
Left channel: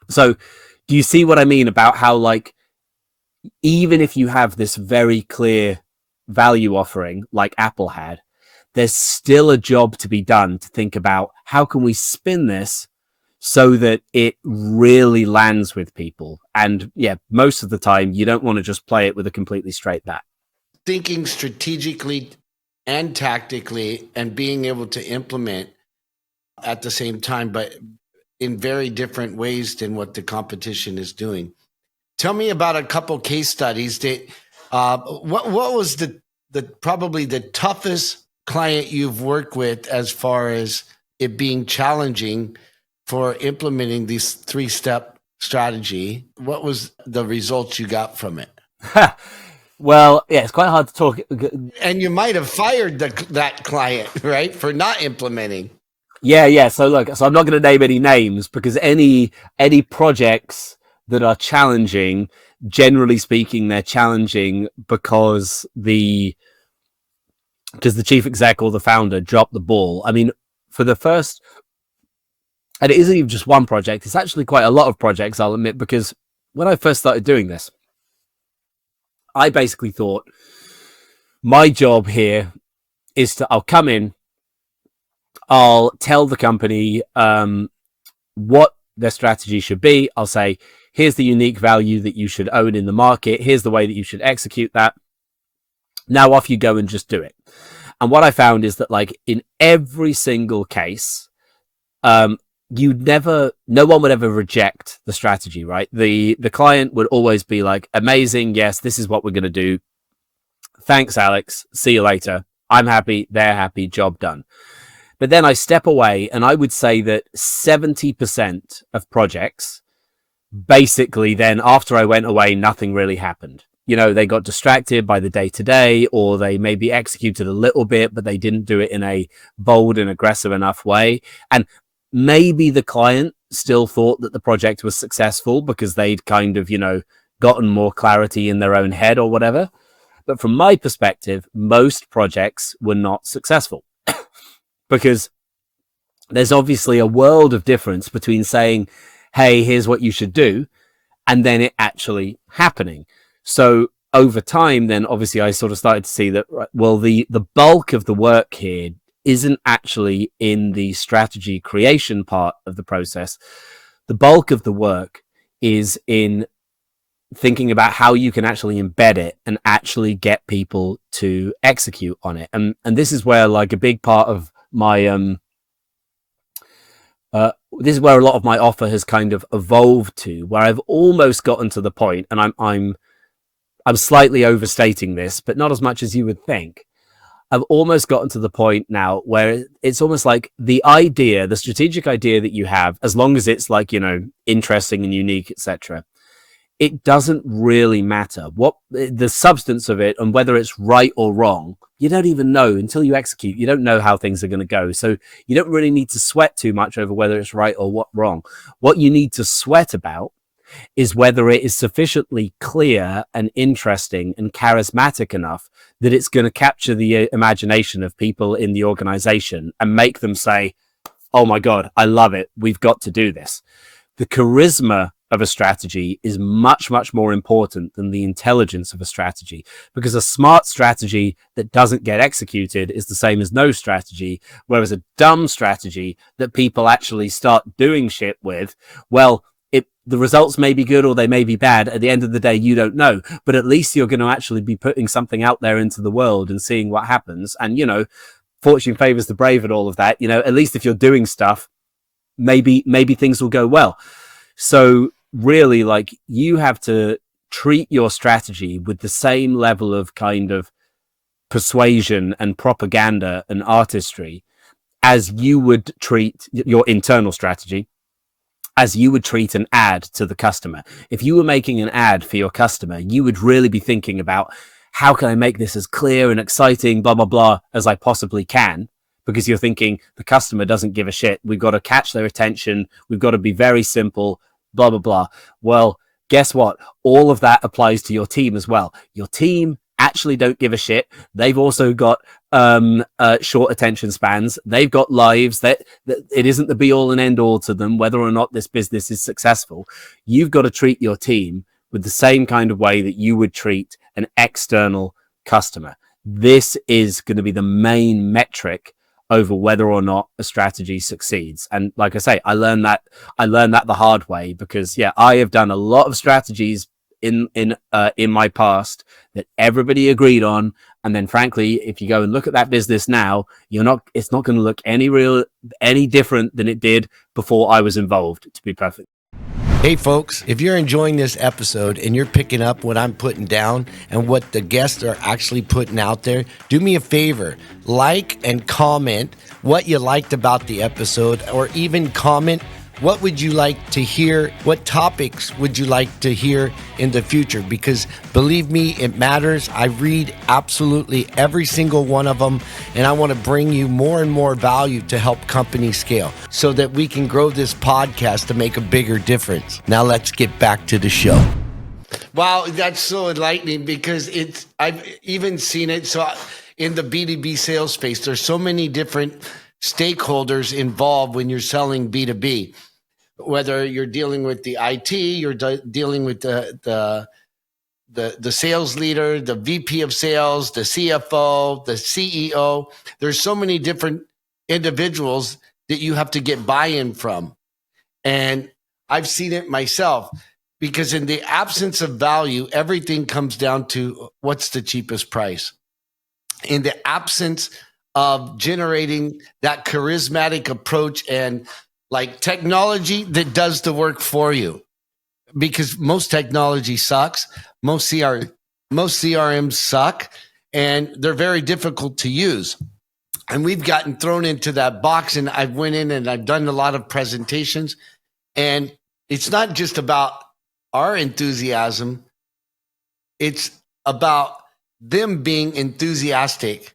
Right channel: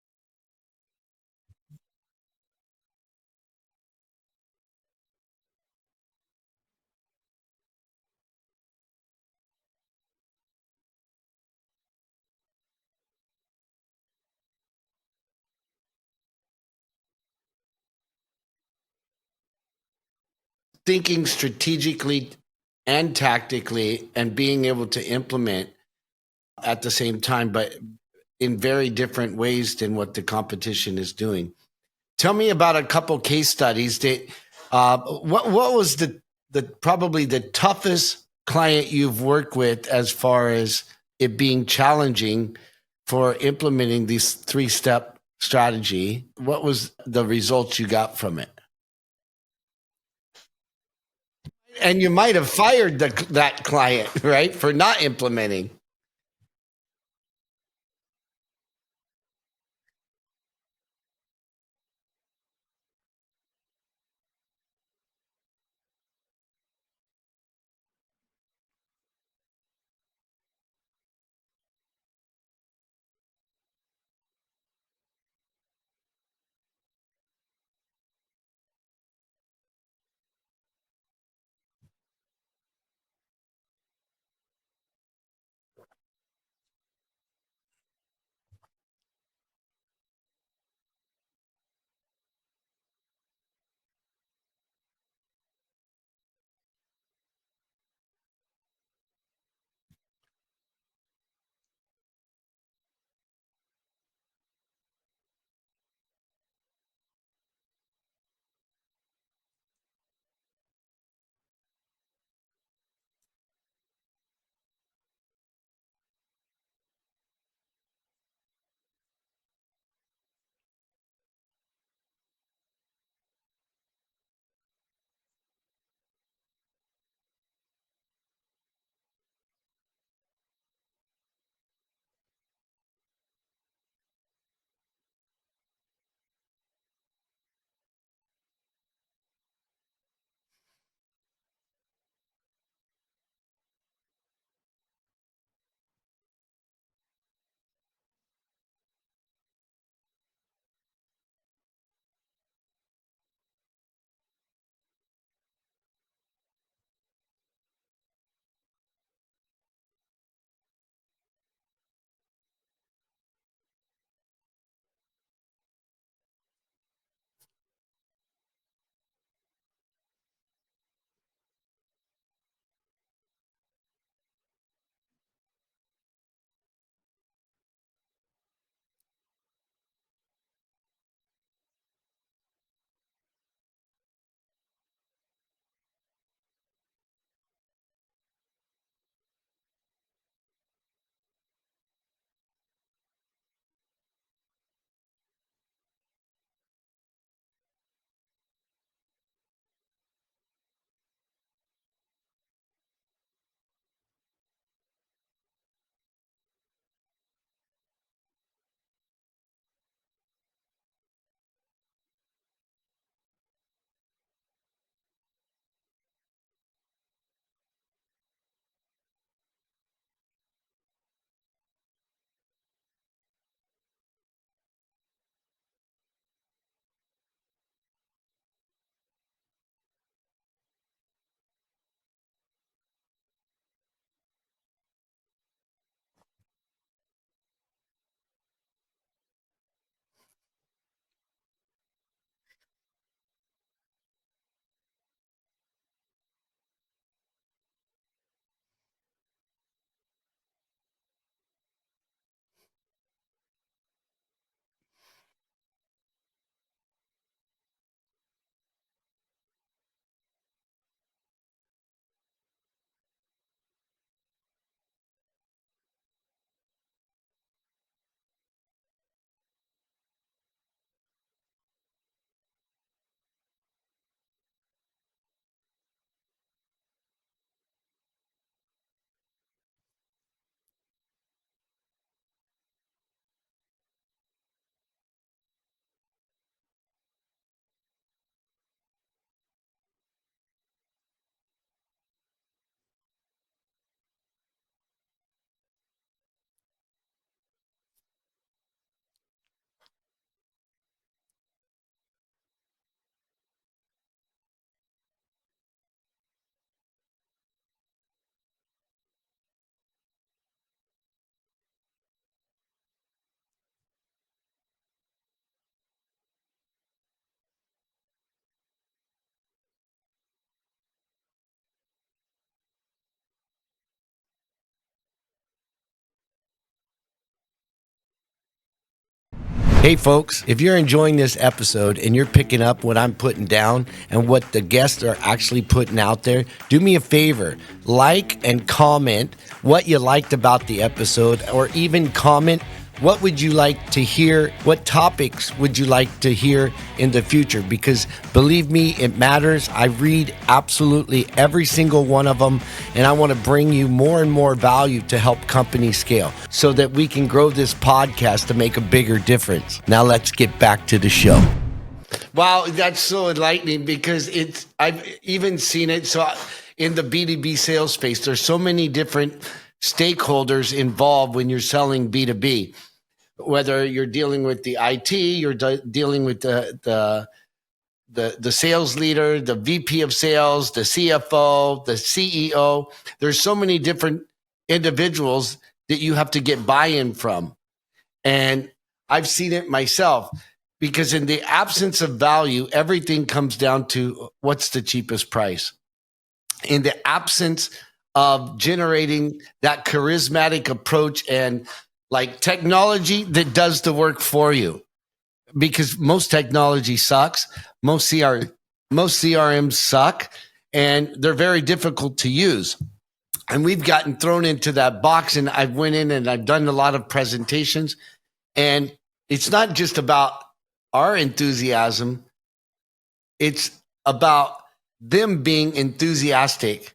So do you see what I mean about how, like, even if you have this very clear value offering like Apple had, there's still a job to be done to think about how can we spin this so that it really lands with people. And yeah, most of the time you don't want to just play it with a completely straight bat. Thinking strategically and tactically and being able to implement at the same time, but in very different ways than what the competition is doing. Tell me about a couple case studies that what was the probably the toughest client you've worked with as far as it being challenging for implementing this 3-step strategy? What was the results you got from it? Well, yeah, it's quite hard to talk. And you might have fired that client, right, for not implementing. Yeah. So look, so I'm not going to name any names because any projects that are challenging, generally speaking, they're challenging because the chief exec or the founder dropped the ball. I mean, for the first, and it isn't even just one project, it's actually quite a lot of projects, I'll admit, because when I first started doing this, I basically thought my job here is I'll come in, I'll tell the company what their strategy should be. I'll say, here's the unique value that you should own in the market. Here's the way that you should execute that. Now off you go and just do it. And what I found is that, like, in every single case, no one would ever reject the strategy, right? The client would always be like, amazing, yes, this is what we're going to do. Thanks, Alex. See you later. I'm happy. They're happy. Job done. But then I step away, and I would say that 70% of projects, basically then after I went away, nothing really happened. You know, they got distracted by the day-to-day, or they maybe executed a little bit, but they didn't do it in a bold and aggressive enough way. And maybe the client still thought that the project was successful because they'd kind of, gotten more clarity in their own head or whatever. But from my perspective, most projects were not successful because there's obviously a world of difference between saying, hey, here's what you should do, and then it actually happening. So over time, then obviously I sort of started to see that, well, the bulk of the work here isn't actually in the strategy creation part of the process. The bulk of the work is in thinking about how you can actually embed it and actually get people to execute on it. And this is where, like, a big part of my this is where a lot of my offer has kind of evolved to, where I've almost gotten to the point, and I'm slightly overstating this, but not as much as you would think. I've almost gotten to the point now where it's almost like the idea, the strategic idea that you have, as long as it's like, interesting and unique, etc., it doesn't really matter what the substance of it and whether it's right or wrong. You don't even know until you execute. You don't know how things are going to go. So you don't really need to sweat too much over whether it's right or wrong. What you need to sweat about is whether it is sufficiently clear and interesting and charismatic enough that it's going to capture the imagination of people in the organization and make them say, oh my God, I love it. We've got to do this. The charisma of a strategy is much, much more important than the intelligence of a strategy, because a smart strategy that doesn't get executed is the same as no strategy, whereas a dumb strategy that people actually start doing shit with, well, the results may be good or they may be bad. At the end of the day, you don't know, but at least you're going to actually be putting something out there into the world and seeing what happens. And, fortune favors the brave and all of that. At least if you're doing stuff, maybe things will go well. So really, like, you have to treat your strategy with the same level of kind of persuasion and propaganda and artistry as you would treat your internal strategy, as you would treat an ad to the customer. If you were making an ad for your customer, you would really be thinking about, how can I make this as clear and exciting, blah, blah, blah, as I possibly can? Because you're thinking the customer doesn't give a shit. We've got to catch their attention. We've got to be very simple, blah, blah, blah. Well, guess what? All of that applies to your team as well. Your team actually don't give a shit. They've also got short attention spans. They've got lives. That it isn't the be all and end all to them, whether or not this business is successful. You've got to treat your team with the same kind of way that you would treat an external customer. This is going to be the main metric over whether or not a strategy succeeds. And like I say, I learned that the hard way, because I have done a lot of strategies in my past that everybody agreed on, and then frankly, if you go and look at that business now, it's not going to look any different than it did before I was involved, to be perfect. Hey folks, if you're enjoying this episode and you're picking up what I'm putting down and what the guests are actually putting out there, do me a favor, like and comment what you liked about the episode, or even comment What would you like to hear? What topics would you like to hear in the future? Because believe me, it matters. I read absolutely every single one of them, and I want to bring you more and more value to help companies scale so that we can grow this podcast to make a bigger difference. Now let's get back to the show. Wow, that's so enlightening because I've even seen it. So in the B2B sales space, there's so many different stakeholders involved when you're selling B2B, whether you're dealing with the IT, you're dealing with the sales leader, the VP of sales, the CFO, the CEO. There's so many different individuals that you have to get buy-in from. And I've seen it myself because in the absence of value, everything comes down to what's the cheapest price. In the absence of generating that charismatic approach and like technology that does the work for you, because most technology sucks. Most CRMs suck, and they're very difficult to use. And we've gotten thrown into that box, and I've went in and I've done a lot of presentations, and it's not just about our enthusiasm. It's about them being enthusiastic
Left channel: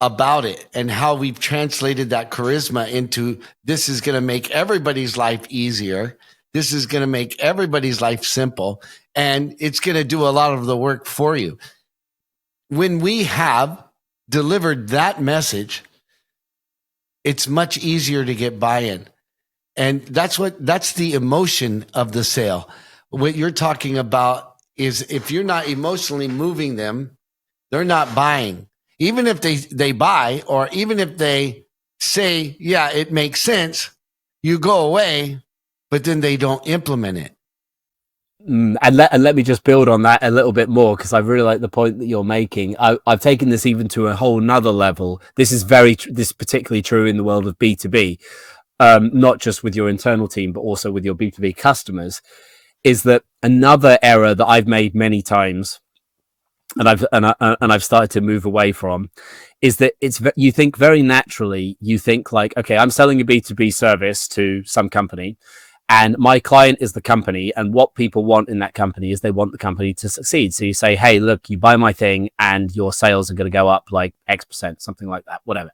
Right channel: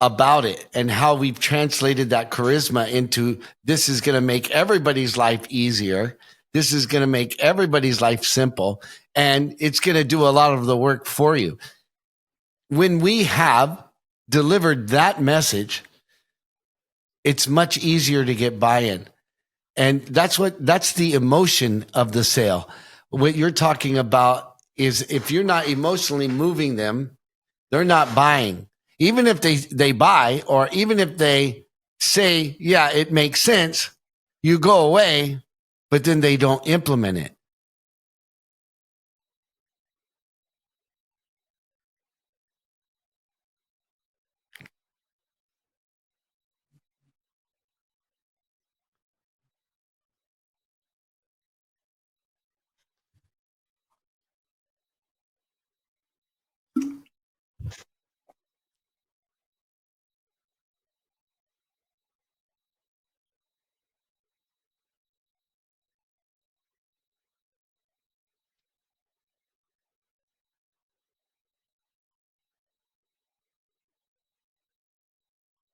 about it and how we've translated that charisma into this is going to make everybody's life easier. This is going to make everybody's life simple, and it's going to do a lot of the work for you. When we have delivered that message, it's much easier to get buy-in. And that's the emotion of the sale. What you're talking about is if you're not emotionally moving them, they're not buying. Even if they buy, or even if they say, yeah, it makes sense, you go away, but then they don't implement it. And let me just build on that a little bit more, because I really like the point that you're making. I've taken this even to a whole nother level. This is particularly true in the world of B2B, not just with your internal team, but also with your B2B customers, is that another error that I've made many times, and I've started to move away from, is that you think very naturally, you think like, okay, I'm selling a B2B service to some company, and my client is the company, and what people want in that company is they want the company to succeed. So you say, hey, look, you buy my thing and your sales are going to go up like X%, something like that, whatever.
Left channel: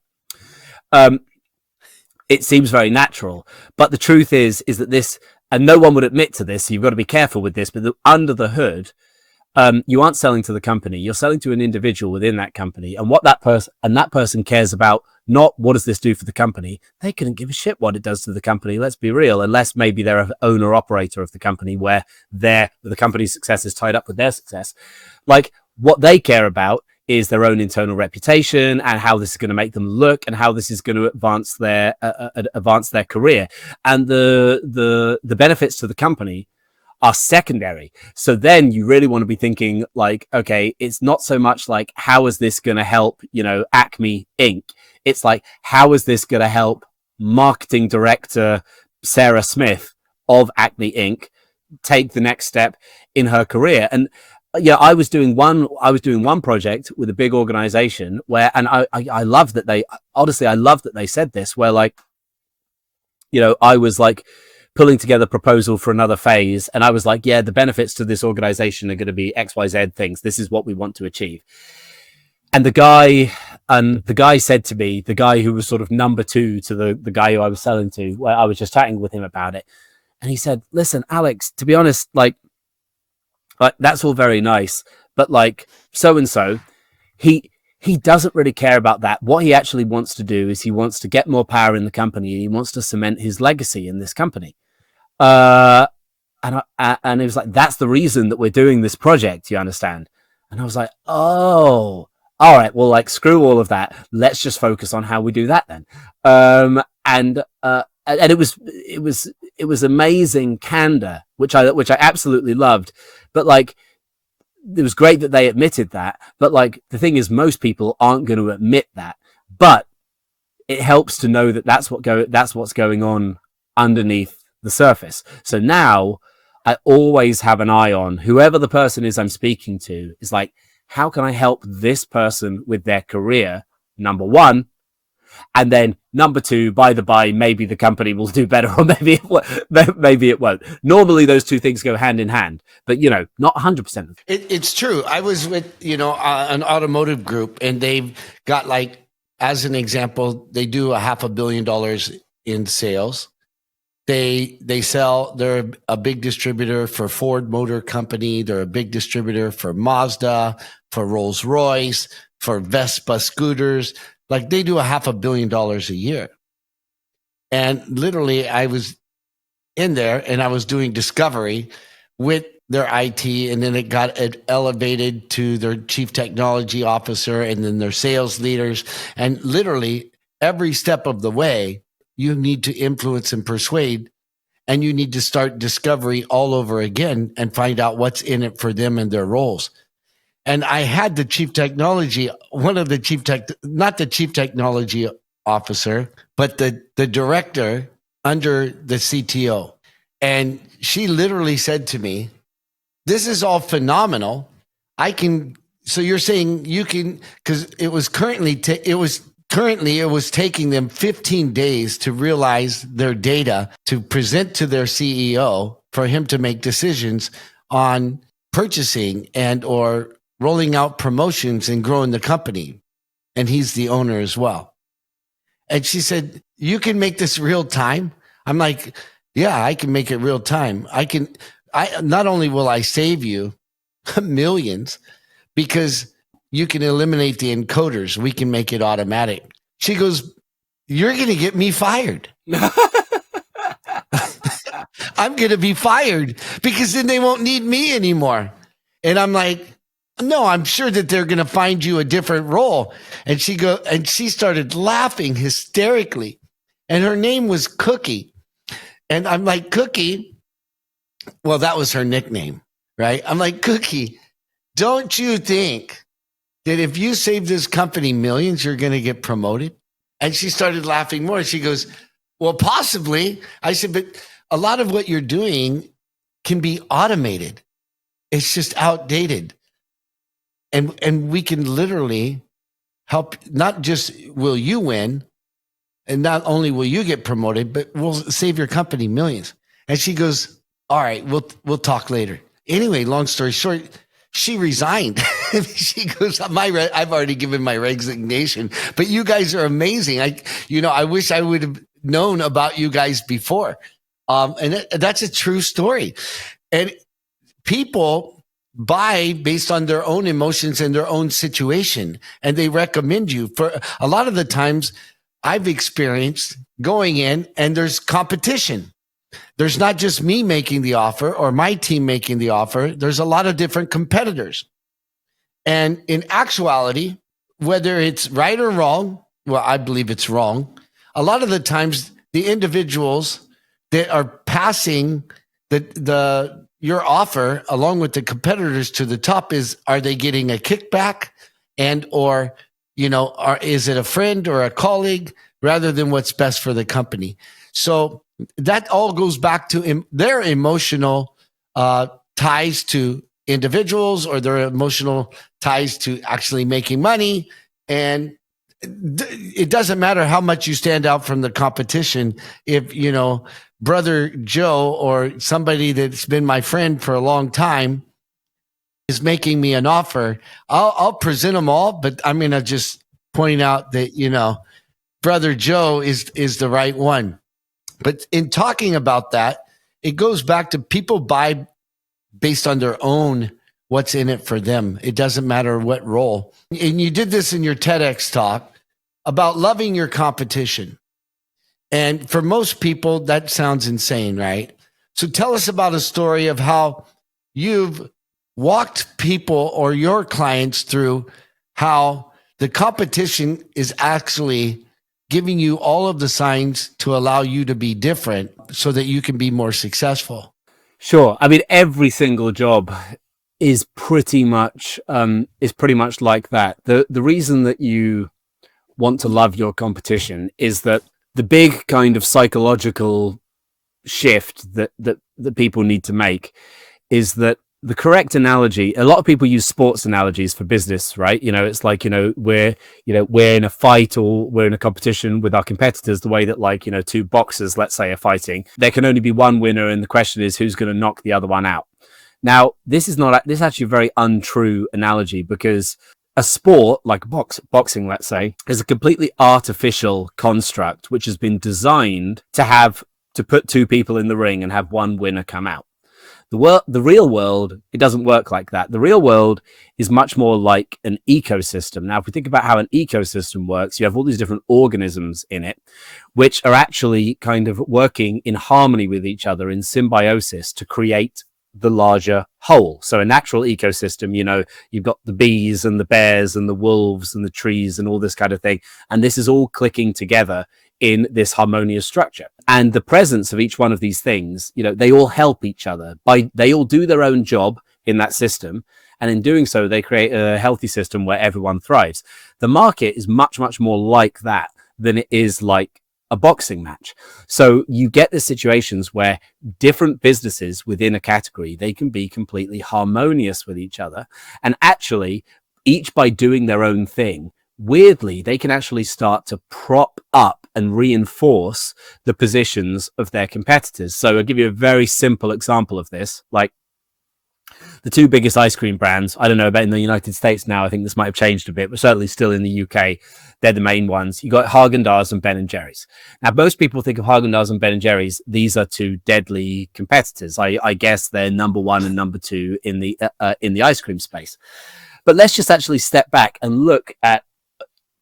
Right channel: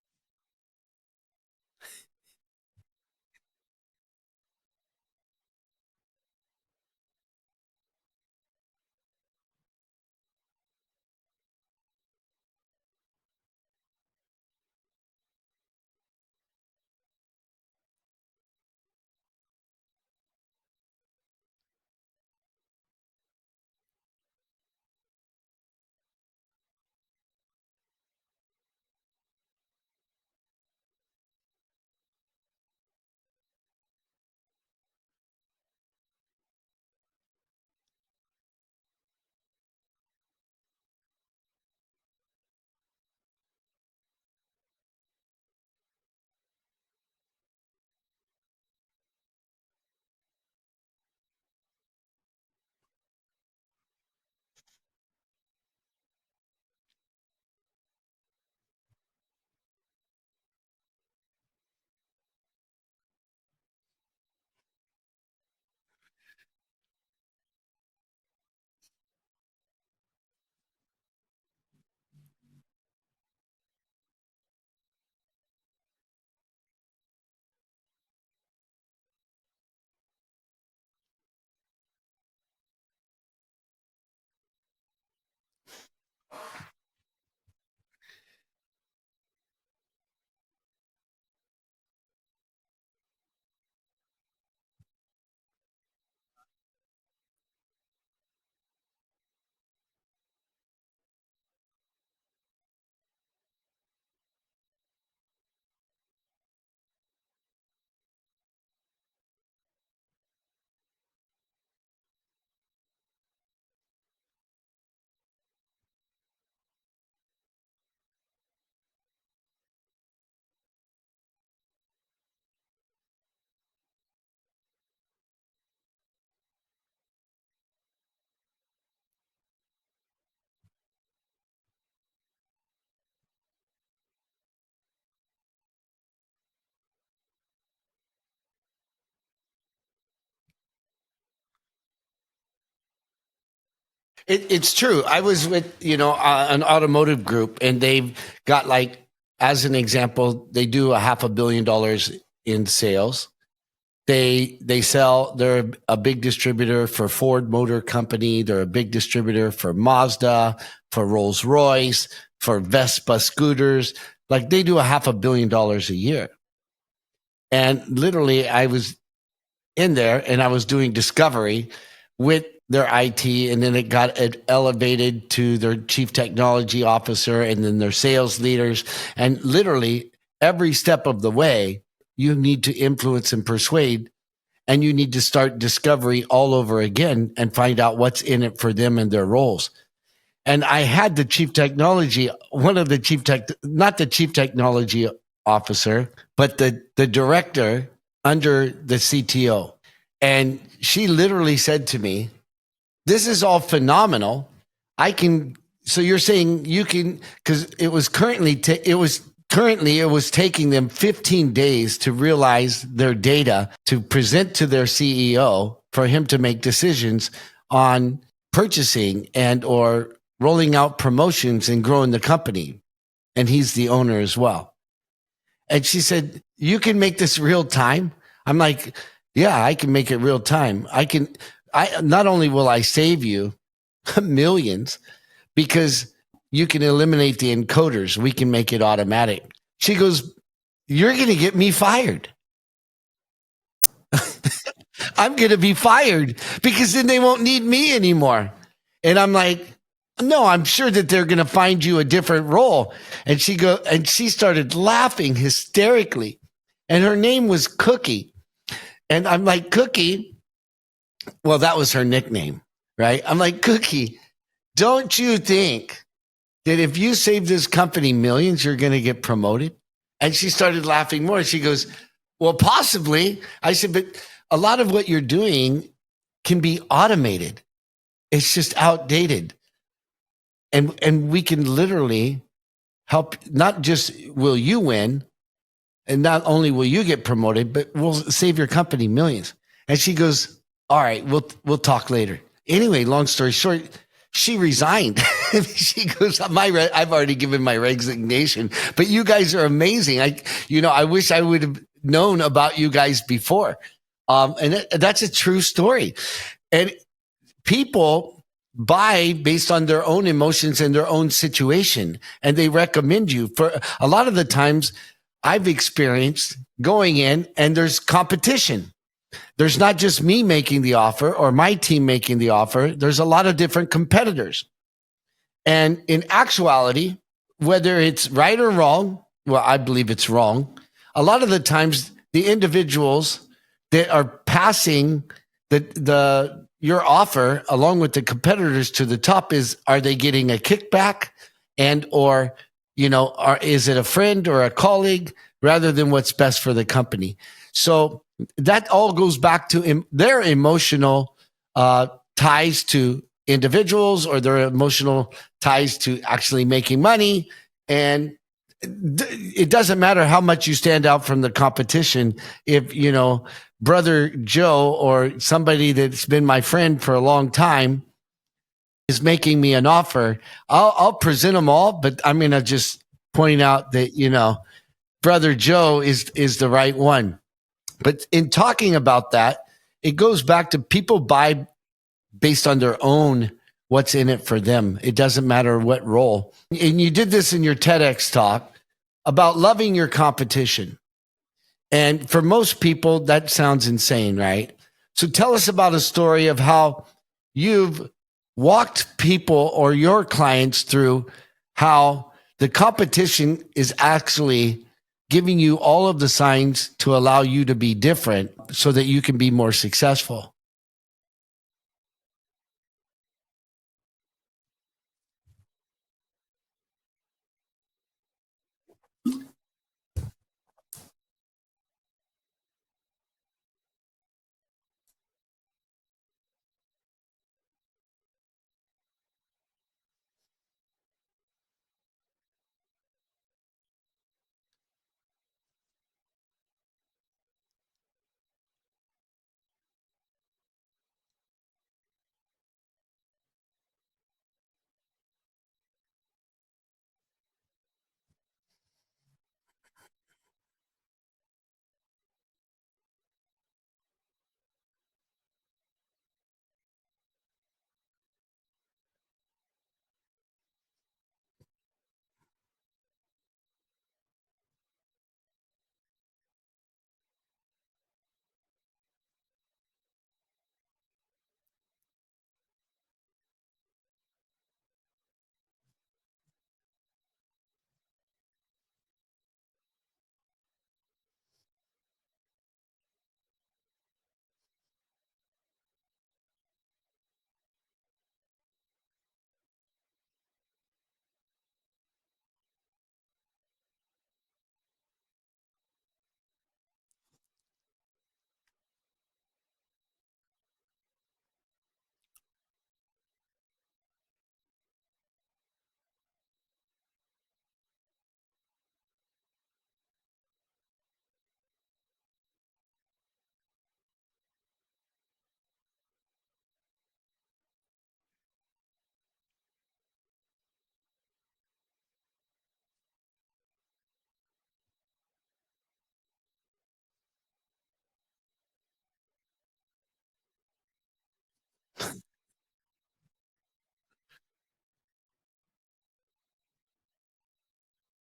It seems very natural, but the truth is that this, and no one would admit to this, so you've got to be careful with this, but under the hood, you aren't selling to the company, you're selling to an individual within that company, and what that person cares about, not what does this do for the company. They couldn't give a shit what it does to the company, let's be real, unless maybe they're an owner operator of the company where the company's success is tied up with their success. Like, what they care about is their own internal reputation and how this is going to make them look and how this is going to advance their career, and the benefits to the company are secondary. So then you really want to be thinking like, okay, it's not so much like, how is this going to help, Acme Inc. It's like, how is this going to help marketing director Sarah Smith of Acme Inc. take the next step in her career? And I was doing one project with a big organization where, and I love that they said this, where like, I was like pulling together a proposal for another phase, and I was like, yeah, the benefits to this organization are going to be XYZ things. This is what we want to achieve. And the guy said to me, the guy who was sort of number two to the guy who I was selling to, where I was just chatting with him about it, and he said, listen, Alex, to be honest, like that's all very nice, but like so-and-so, he doesn't really care about that. What he actually wants to do is he wants to get more power in the company, and he wants to cement his legacy in this company. And it was like, that's the reason that we're doing this project, you understand? And I was like, oh, all right, well, like, screw all of that. Let's just focus on how we do that then. And it was amazing candor, which I absolutely loved. But like, it was great that they admitted that. But like, the thing is, most people aren't going to admit that. But it helps to know that that's what's going on underneath the surface. So now I always have an eye on whoever the person is I'm speaking to, is like, how can I help this person with their career, number one? And then number two, by the by, maybe the company will do better, or maybe it won't. Normally, those two things go hand in hand, but not 100%. It's true. I was with an automotive group, and they've got, like, as an example, they do $500 million in sales. They sell. They're a big distributor for Ford Motor Company. They're a big distributor for Mazda, for Rolls Royce, for Vespa scooters. Like, they do $500 million a year. And literally, I was in there and I was doing discovery with their IT, and then it got elevated to their chief technology officer and then their sales leaders. And literally every step of the way, you need to influence and persuade, and you need to start discovery all over again and find out what's in it for them and their roles. And I had the chief technology, not the chief technology officer, but the director under the CTO. And she literally said to me, "This is all phenomenal. So you're saying you can," because it was taking them 15 days to realize their data to present to their CEO for him to make decisions on purchasing and or rolling out promotions and growing the company. And he's the owner as well. And she said, "You can make this real time?" I'm like, "Yeah, I can make it real time. Not only will I save you millions, because you can eliminate the encoders. We can make it automatic." She goes, "You're going to get me fired." I'm going to be fired because then they won't need me anymore. And I'm like, "No, I'm sure that they're going to find you a different role." And she started laughing hysterically. And her name was Cookie. And I'm like, "Cookie," well, that was her nickname, right? I'm like, "Cookie, don't you think that if you save this company millions, you're going to get promoted?" And she started laughing more. She goes, "Well, possibly." I said, "But a lot of what you're doing can be automated. It's just outdated. And we can literally help. Not just will you win, and not only will you get promoted, but we'll save your company millions." And she goes, "All right, we'll talk later." Anyway, long story short, she resigned. She goes, "I've already given my resignation, but you guys are amazing. I wish I would have known about you guys before." And that's a true story. And people buy based on their own emotions and their own situation, and they recommend you. For a lot of the times I've experienced going in and there's competition. There's not just me making the offer or my team making the offer. There's a lot of different competitors. And in actuality, whether it's right or wrong, well, I believe it's wrong. A lot of the times the individuals that are passing your offer along with the competitors to the top are they getting a kickback and or is it a friend or a colleague rather than what's best for the company? So that all goes back to their emotional ties to individuals or their emotional ties to actually making money. And it doesn't matter how much you stand out from the competition. If, Brother Joe or somebody that's been my friend for a long time is making me an offer, I'll present them all, but I'm going to just point out that, Brother Joe is the right one. But in talking about that, it goes back to people buy based on their own, what's in it for them. It doesn't matter what role. And you did this in your TEDx talk about loving your competition. And for most people, that sounds insane, right? So tell us about a story of how you've walked people or your clients through how the competition is actually giving you all of the signs to allow you to be different so that you can be more successful. Sure. I mean, every single job is pretty much like that. The reason that you want to love your competition is that the big kind of psychological shift that people need to make is that the correct analogy, a lot of people use sports analogies for business, right? It's like, we're in a fight or we're in a competition with our competitors, the way that, like, two boxers, let's say, are fighting. There can only be one winner, and the question is who's going to knock the other one out. Now, this is actually a very untrue analogy, because a sport like boxing, let's say, is a completely artificial construct which has been designed to put two people in the ring and have one winner come out. The real world, it doesn't work like that. The real world is much more like an ecosystem. Now, if we think about how an ecosystem works, you have all these different organisms in it, which are actually kind of working in harmony with each other, in symbiosis, to create the larger whole. So a natural ecosystem, you've got the bees and the bears and the wolves and the trees and all this kind of thing. And this is all clicking together in this harmonious structure. And the presence of each one of these things, they all help each other. They all do their own job in that system. And in doing so, they create a healthy system where everyone thrives. The market is much, much more like that than it is like a boxing match. So you get the situations where different businesses within a category, they can be completely harmonious with each other. And actually, each by doing their own thing, weirdly, they can actually start to prop up and reinforce the positions of their competitors. So I'll give you a very simple example of this. Like, the two biggest ice cream brands, I don't know about in the United States now, I think this might have changed a bit, but certainly still in the UK, they're the main ones. You got Häagen-Dazs and Ben & Jerry's. Now, most people think of Häagen-Dazs and Ben & Jerry's. These are two deadly competitors. I guess they're number one and number two in the ice cream space. But let's just actually step back and look at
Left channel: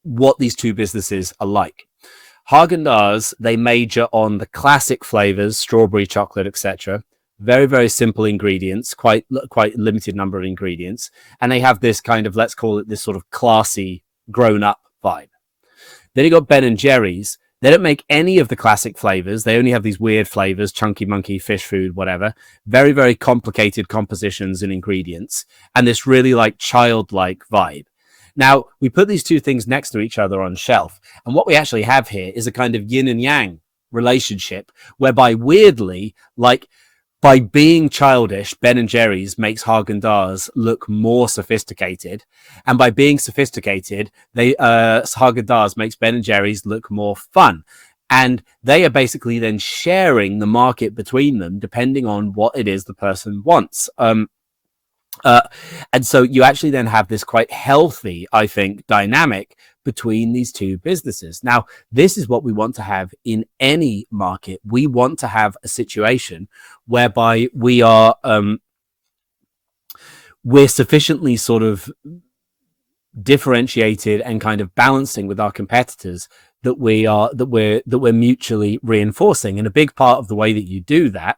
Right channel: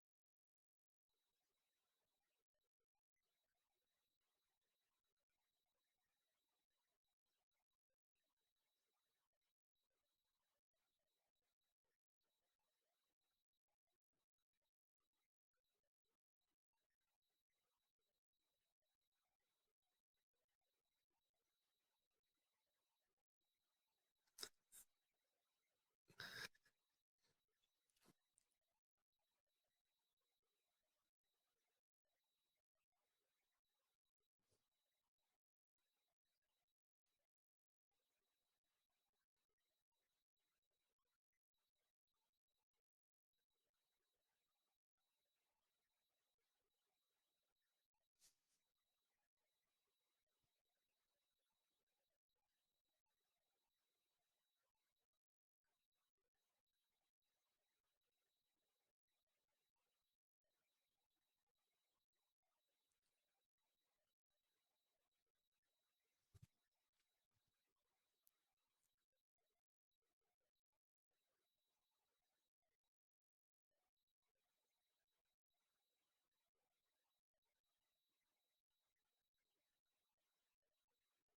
what these two businesses are like. Häagen-Dazs, they major on the classic flavors, strawberry, chocolate, etc. Very, very simple ingredients, quite limited number of ingredients. And they have this kind of, let's call it this sort of classy, grown-up vibe. Then you got Ben & Jerry's. They don't make any of the classic flavors. They only have these weird flavors, chunky monkey, fish food, whatever. Very, very complicated compositions and ingredients. And this really like childlike vibe. Now, we put these two things next to each other on shelf. And what we actually have here is a kind of yin and yang relationship, whereby weirdly, like, by being childish, Ben & Jerry's makes Häagen-Dazs look more sophisticated. And by being sophisticated, Häagen-Dazs makes Ben & Jerry's look more fun. And they are basically then sharing the market between them, depending on what it is the person wants. And so you actually then have this quite healthy, I think, dynamic between these two businesses. Now, this is what we want to have in any market. We want to have a situation whereby we are we're sufficiently sort of differentiated and kind of balancing with our competitors that we're mutually reinforcing. And a big part of the way that you do that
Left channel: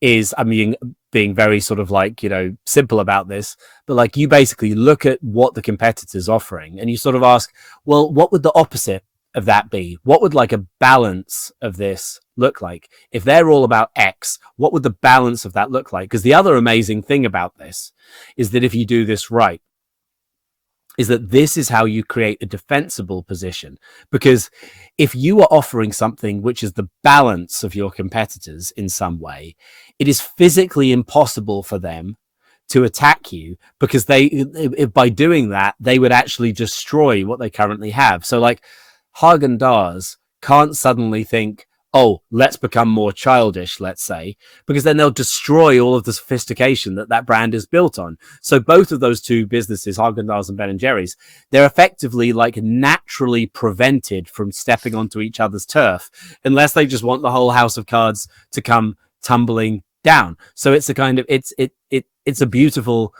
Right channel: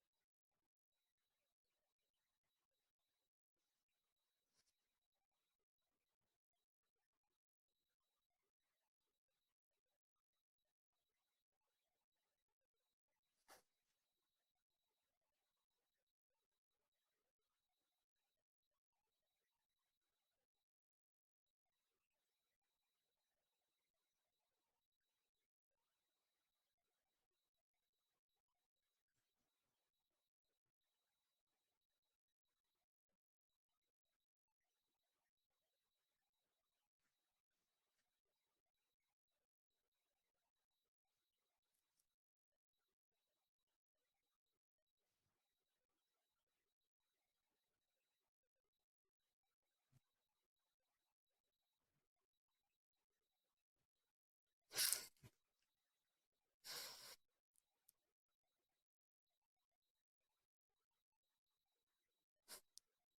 is, I mean, being very sort of like, simple about this, but like you basically look at what the competitor's offering and you sort of ask, well, what would the opposite of that be? What would like a balance of this look like? If they're all about X, what would the balance of that look like? Because the other amazing thing about this is that if you do this right, is that this is how you create a defensible position. Because if you are offering something which is the balance of your competitors in some way, it is physically impossible for them to attack you, because by doing that, they would actually destroy what they currently have. So like Häagen-Dazs can't suddenly think, oh, let's become more childish, let's say, because then they'll destroy all of the sophistication that brand is built on. So both of those two businesses, Häagen-Dazs and Ben & Jerry's, they're effectively like naturally prevented from stepping onto each other's turf, unless they just want the whole house of cards to come tumbling down. So it's a kind of, it's a beautiful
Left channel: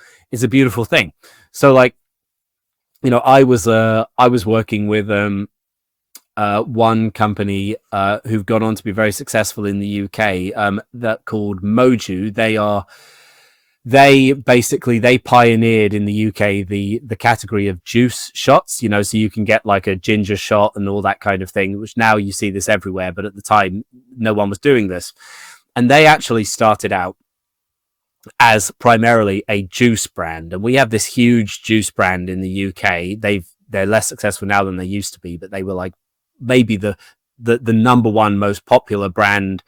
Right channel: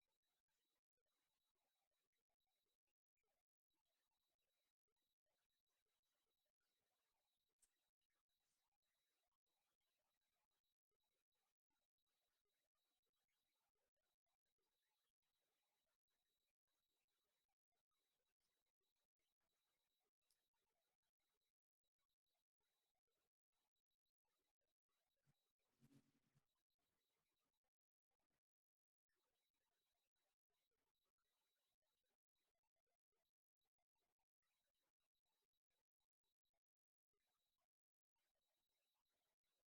thing. So like, I was working with, one company who've gone on to be very successful in the UK, that called Moju. They pioneered in the UK the category of juice shots, so you can get like a ginger shot and all that kind of thing, which now you see this everywhere, but at the time no one was doing this. And they actually started out as primarily a juice brand, and we have this huge juice brand in the UK. They're less successful now than they used to be, but they were like maybe the number one most popular brand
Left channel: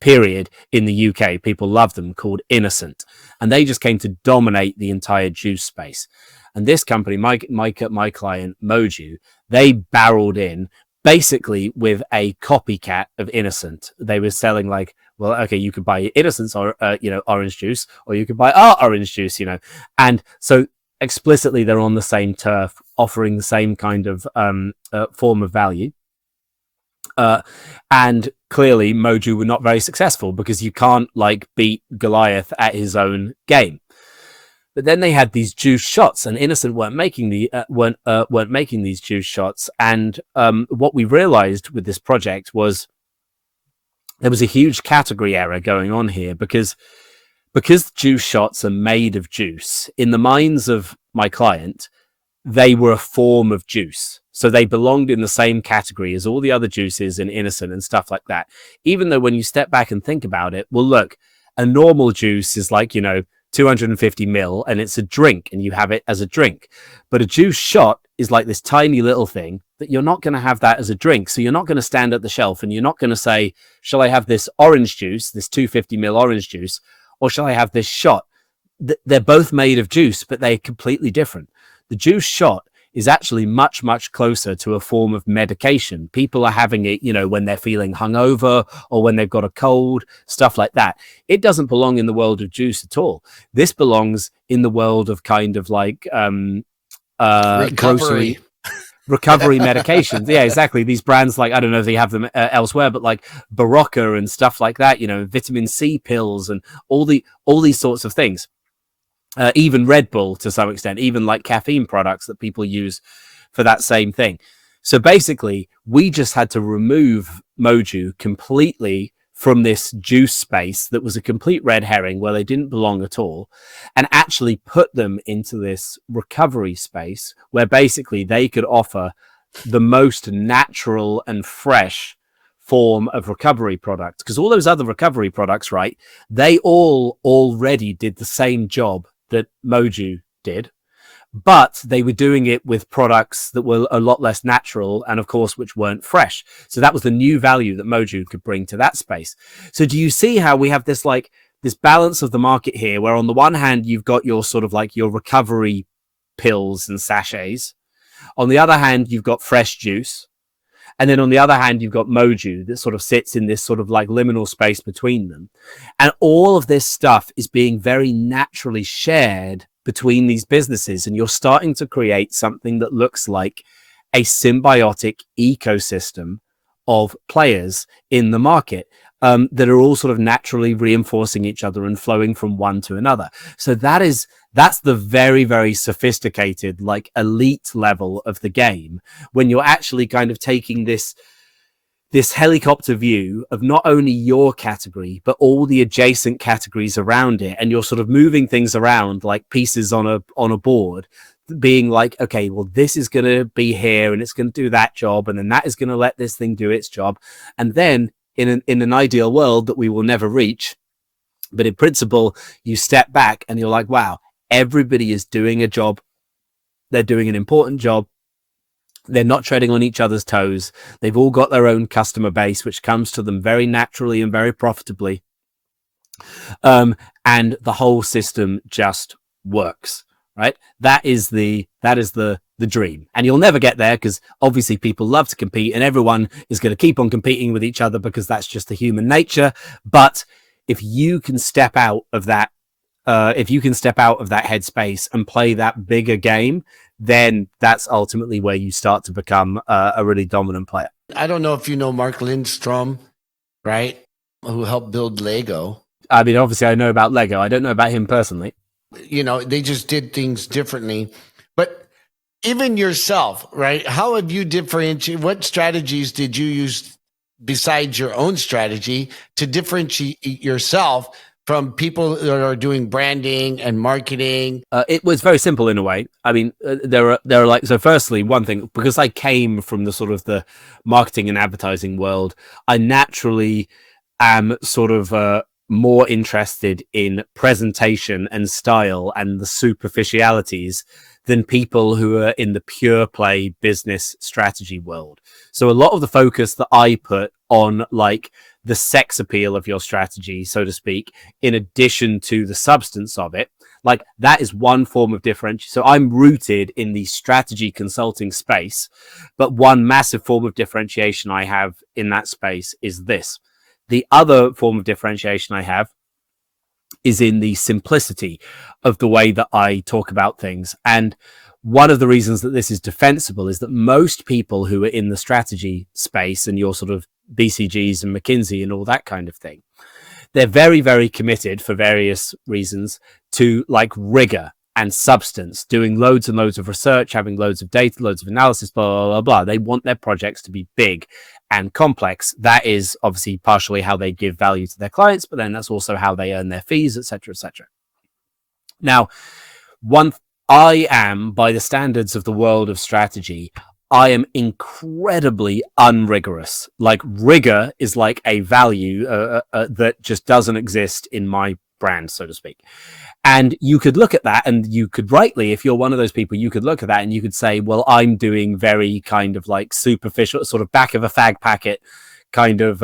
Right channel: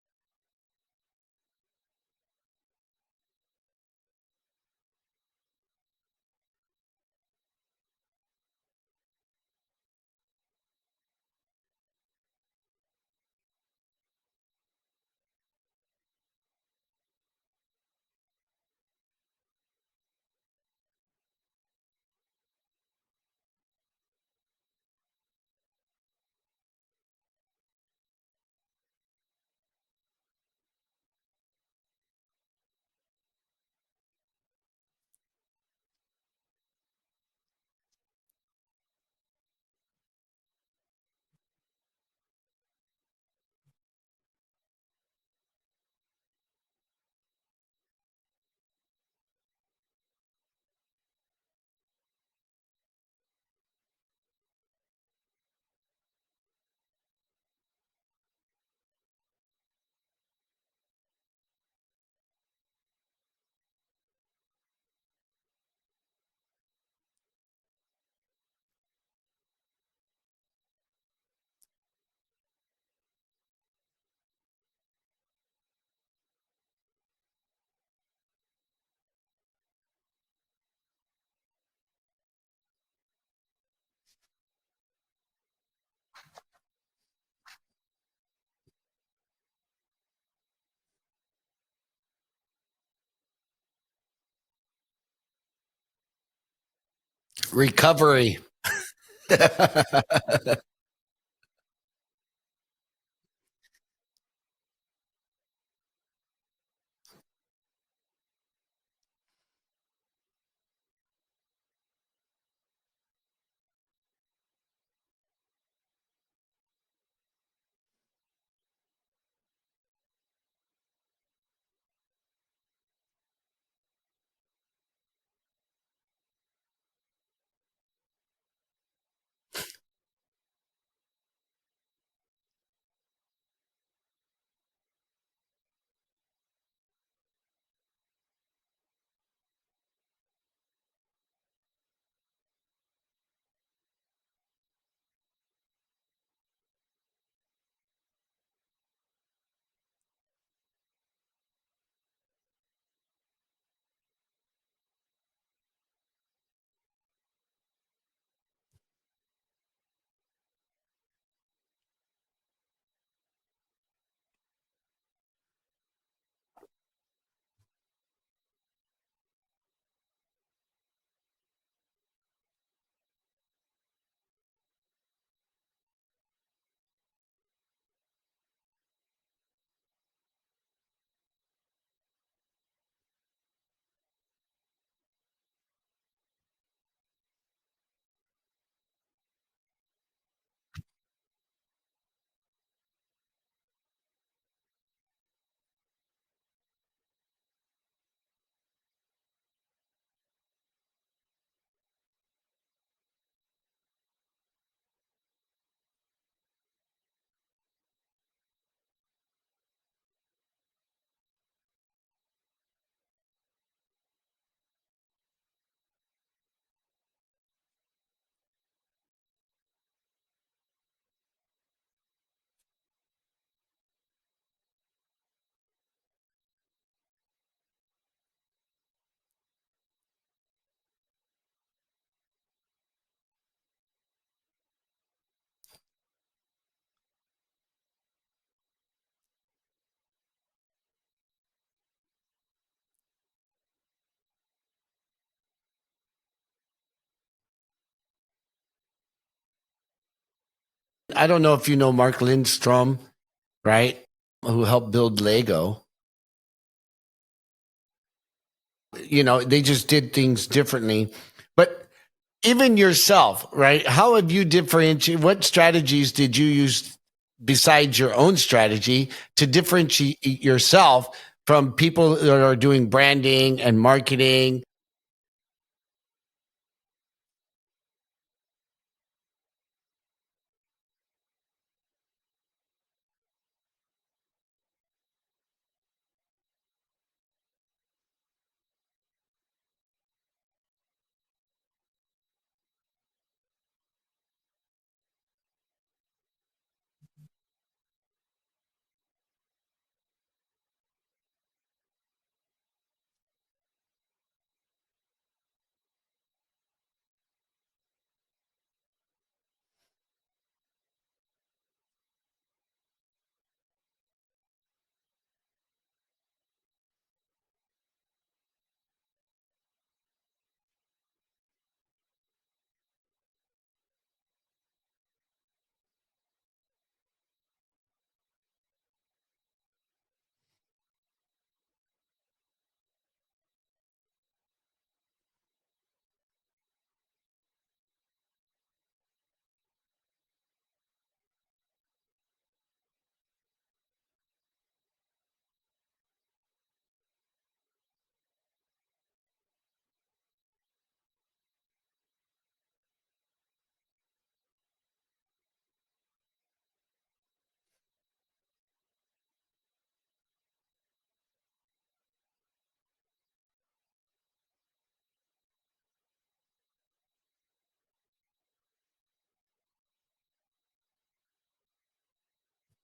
period in the UK. People love them, called Innocent. And they just came to dominate the entire juice space. And this company, my client, Moju, they barreled in basically with a copycat of Innocent. They were selling like, well, okay, you could buy Innocent's or orange juice, or you could buy our orange juice, and so explicitly they're on the same turf, offering the same kind of form of value. And clearly, Moju were not very successful because you can't like beat Goliath at his own game. But then they had these juice shots, and Innocent weren't making these juice shots. And what we realized with this project was there was a huge category error going on here because juice shots are made of juice. In the minds of my client, they were a form of juice, so they belonged in the same category as all the other juices in Innocent and stuff like that. Even though when you step back and think about it, well, look, a normal juice is like 250 ml, and it's a drink, and you have it as a drink. But a juice shot is like this tiny little thing that you're not going to have that as a drink. So you're not going to stand at the shelf and you're not going to say, shall I have this orange juice, this 250 ml orange juice, or shall I have this shot? They're both made of juice, but they're completely different. The juice shot is actually much, much closer to a form of medication. People are having it, when they're feeling hungover or when they've got a cold, stuff like that. It doesn't belong in the world of juice at all. This belongs in the world of kind of like recovery medications. Yeah, exactly. These brands, like, I don't know if they have them elsewhere, but like Barocca and stuff like that, vitamin C pills and all these sorts of things. Even Red Bull to some extent, even like caffeine products that people use for that same thing. So basically, we just had to remove Moju completely from this juice space that was a complete red herring where they didn't belong at all, and actually put them into this recovery space where basically they could offer the most natural and fresh form of recovery products. Because all those other recovery products, right, they all already did the same job that Moju did, but they were doing it with products that were a lot less natural and, of course, which weren't fresh. So that was the new value that Moju could bring to that space. So do you see how we have this balance of the market here, where on the one hand, you've got your sort of like your recovery pills and sachets. On the other hand, you've got fresh juice. And then on the other hand, you've got Moju that sort of sits in this sort of like liminal space between them. And all of this stuff is being very naturally shared between these businesses. And you're starting to create something that looks like a symbiotic ecosystem of players in the market that are all sort of naturally reinforcing each other and flowing from one to another. So that's the very, very sophisticated, like elite level of the game, when you're actually kind of taking this helicopter view of not only your category, but all the adjacent categories around it. And you're sort of moving things around like pieces on a board, being like, okay, well, this is going to be here and it's going to do that job. And then that is going to let this thing do its job. And then in an ideal world that we will never reach, but in principle, you step back and you're like, wow, everybody is doing a job. They're doing an important job. They're not treading on each other's toes. They've all got their own customer base, which comes to them very naturally and very profitably. And the whole system just works, right? That is the dream. And you'll never get there because obviously people love to compete and everyone is going to keep on competing with each other because that's just the human nature. But if you can step out of that, headspace and play that bigger game, then that's ultimately where you start to become a really dominant player. I don't know if you know Mark Lindstrom, right? Who helped build Lego. I mean, obviously I know about Lego. I don't know about him personally. They just did things differently. But even yourself, right? How have you differentiated? What strategies did you use besides your own strategy to differentiate yourself from people that are doing branding and marketing? It was very simple in a way. I mean, there are like, so firstly, one thing, because I came from the sort of the marketing and advertising world, I naturally am sort of more interested in presentation and style and the superficialities than people who are in the pure play business strategy world. So a lot of the focus that I put on like the sex appeal of your strategy, so to speak, in addition to the substance of it. Like, that is one form of differentiation. So I'm rooted in the strategy consulting space, but one massive form of differentiation I have in that space is this. The other form of differentiation I have is in the simplicity of the way that I talk about things. And one of the reasons that this is defensible is that most people who are in the strategy space, and your sort of BCGs and McKinsey and all that kind of thing, they're very, very committed for various reasons to like rigor and substance, doing loads and loads of research, having loads of data, loads of analysis, blah, blah, blah, blah. They want their projects to be big and complex. That is obviously partially how they give value to their clients, but then that's also how they earn their fees, etc., etc. Now, I am, by the standards of the world of strategy, I am incredibly unrigorous. Like, rigor is like a value that just doesn't exist in my brand, so to speak. And you could look at that, and you could rightly, if you're one of those people, you could look at that and you could say, well, I'm doing very kind of like superficial, sort of back of a fag packet kind of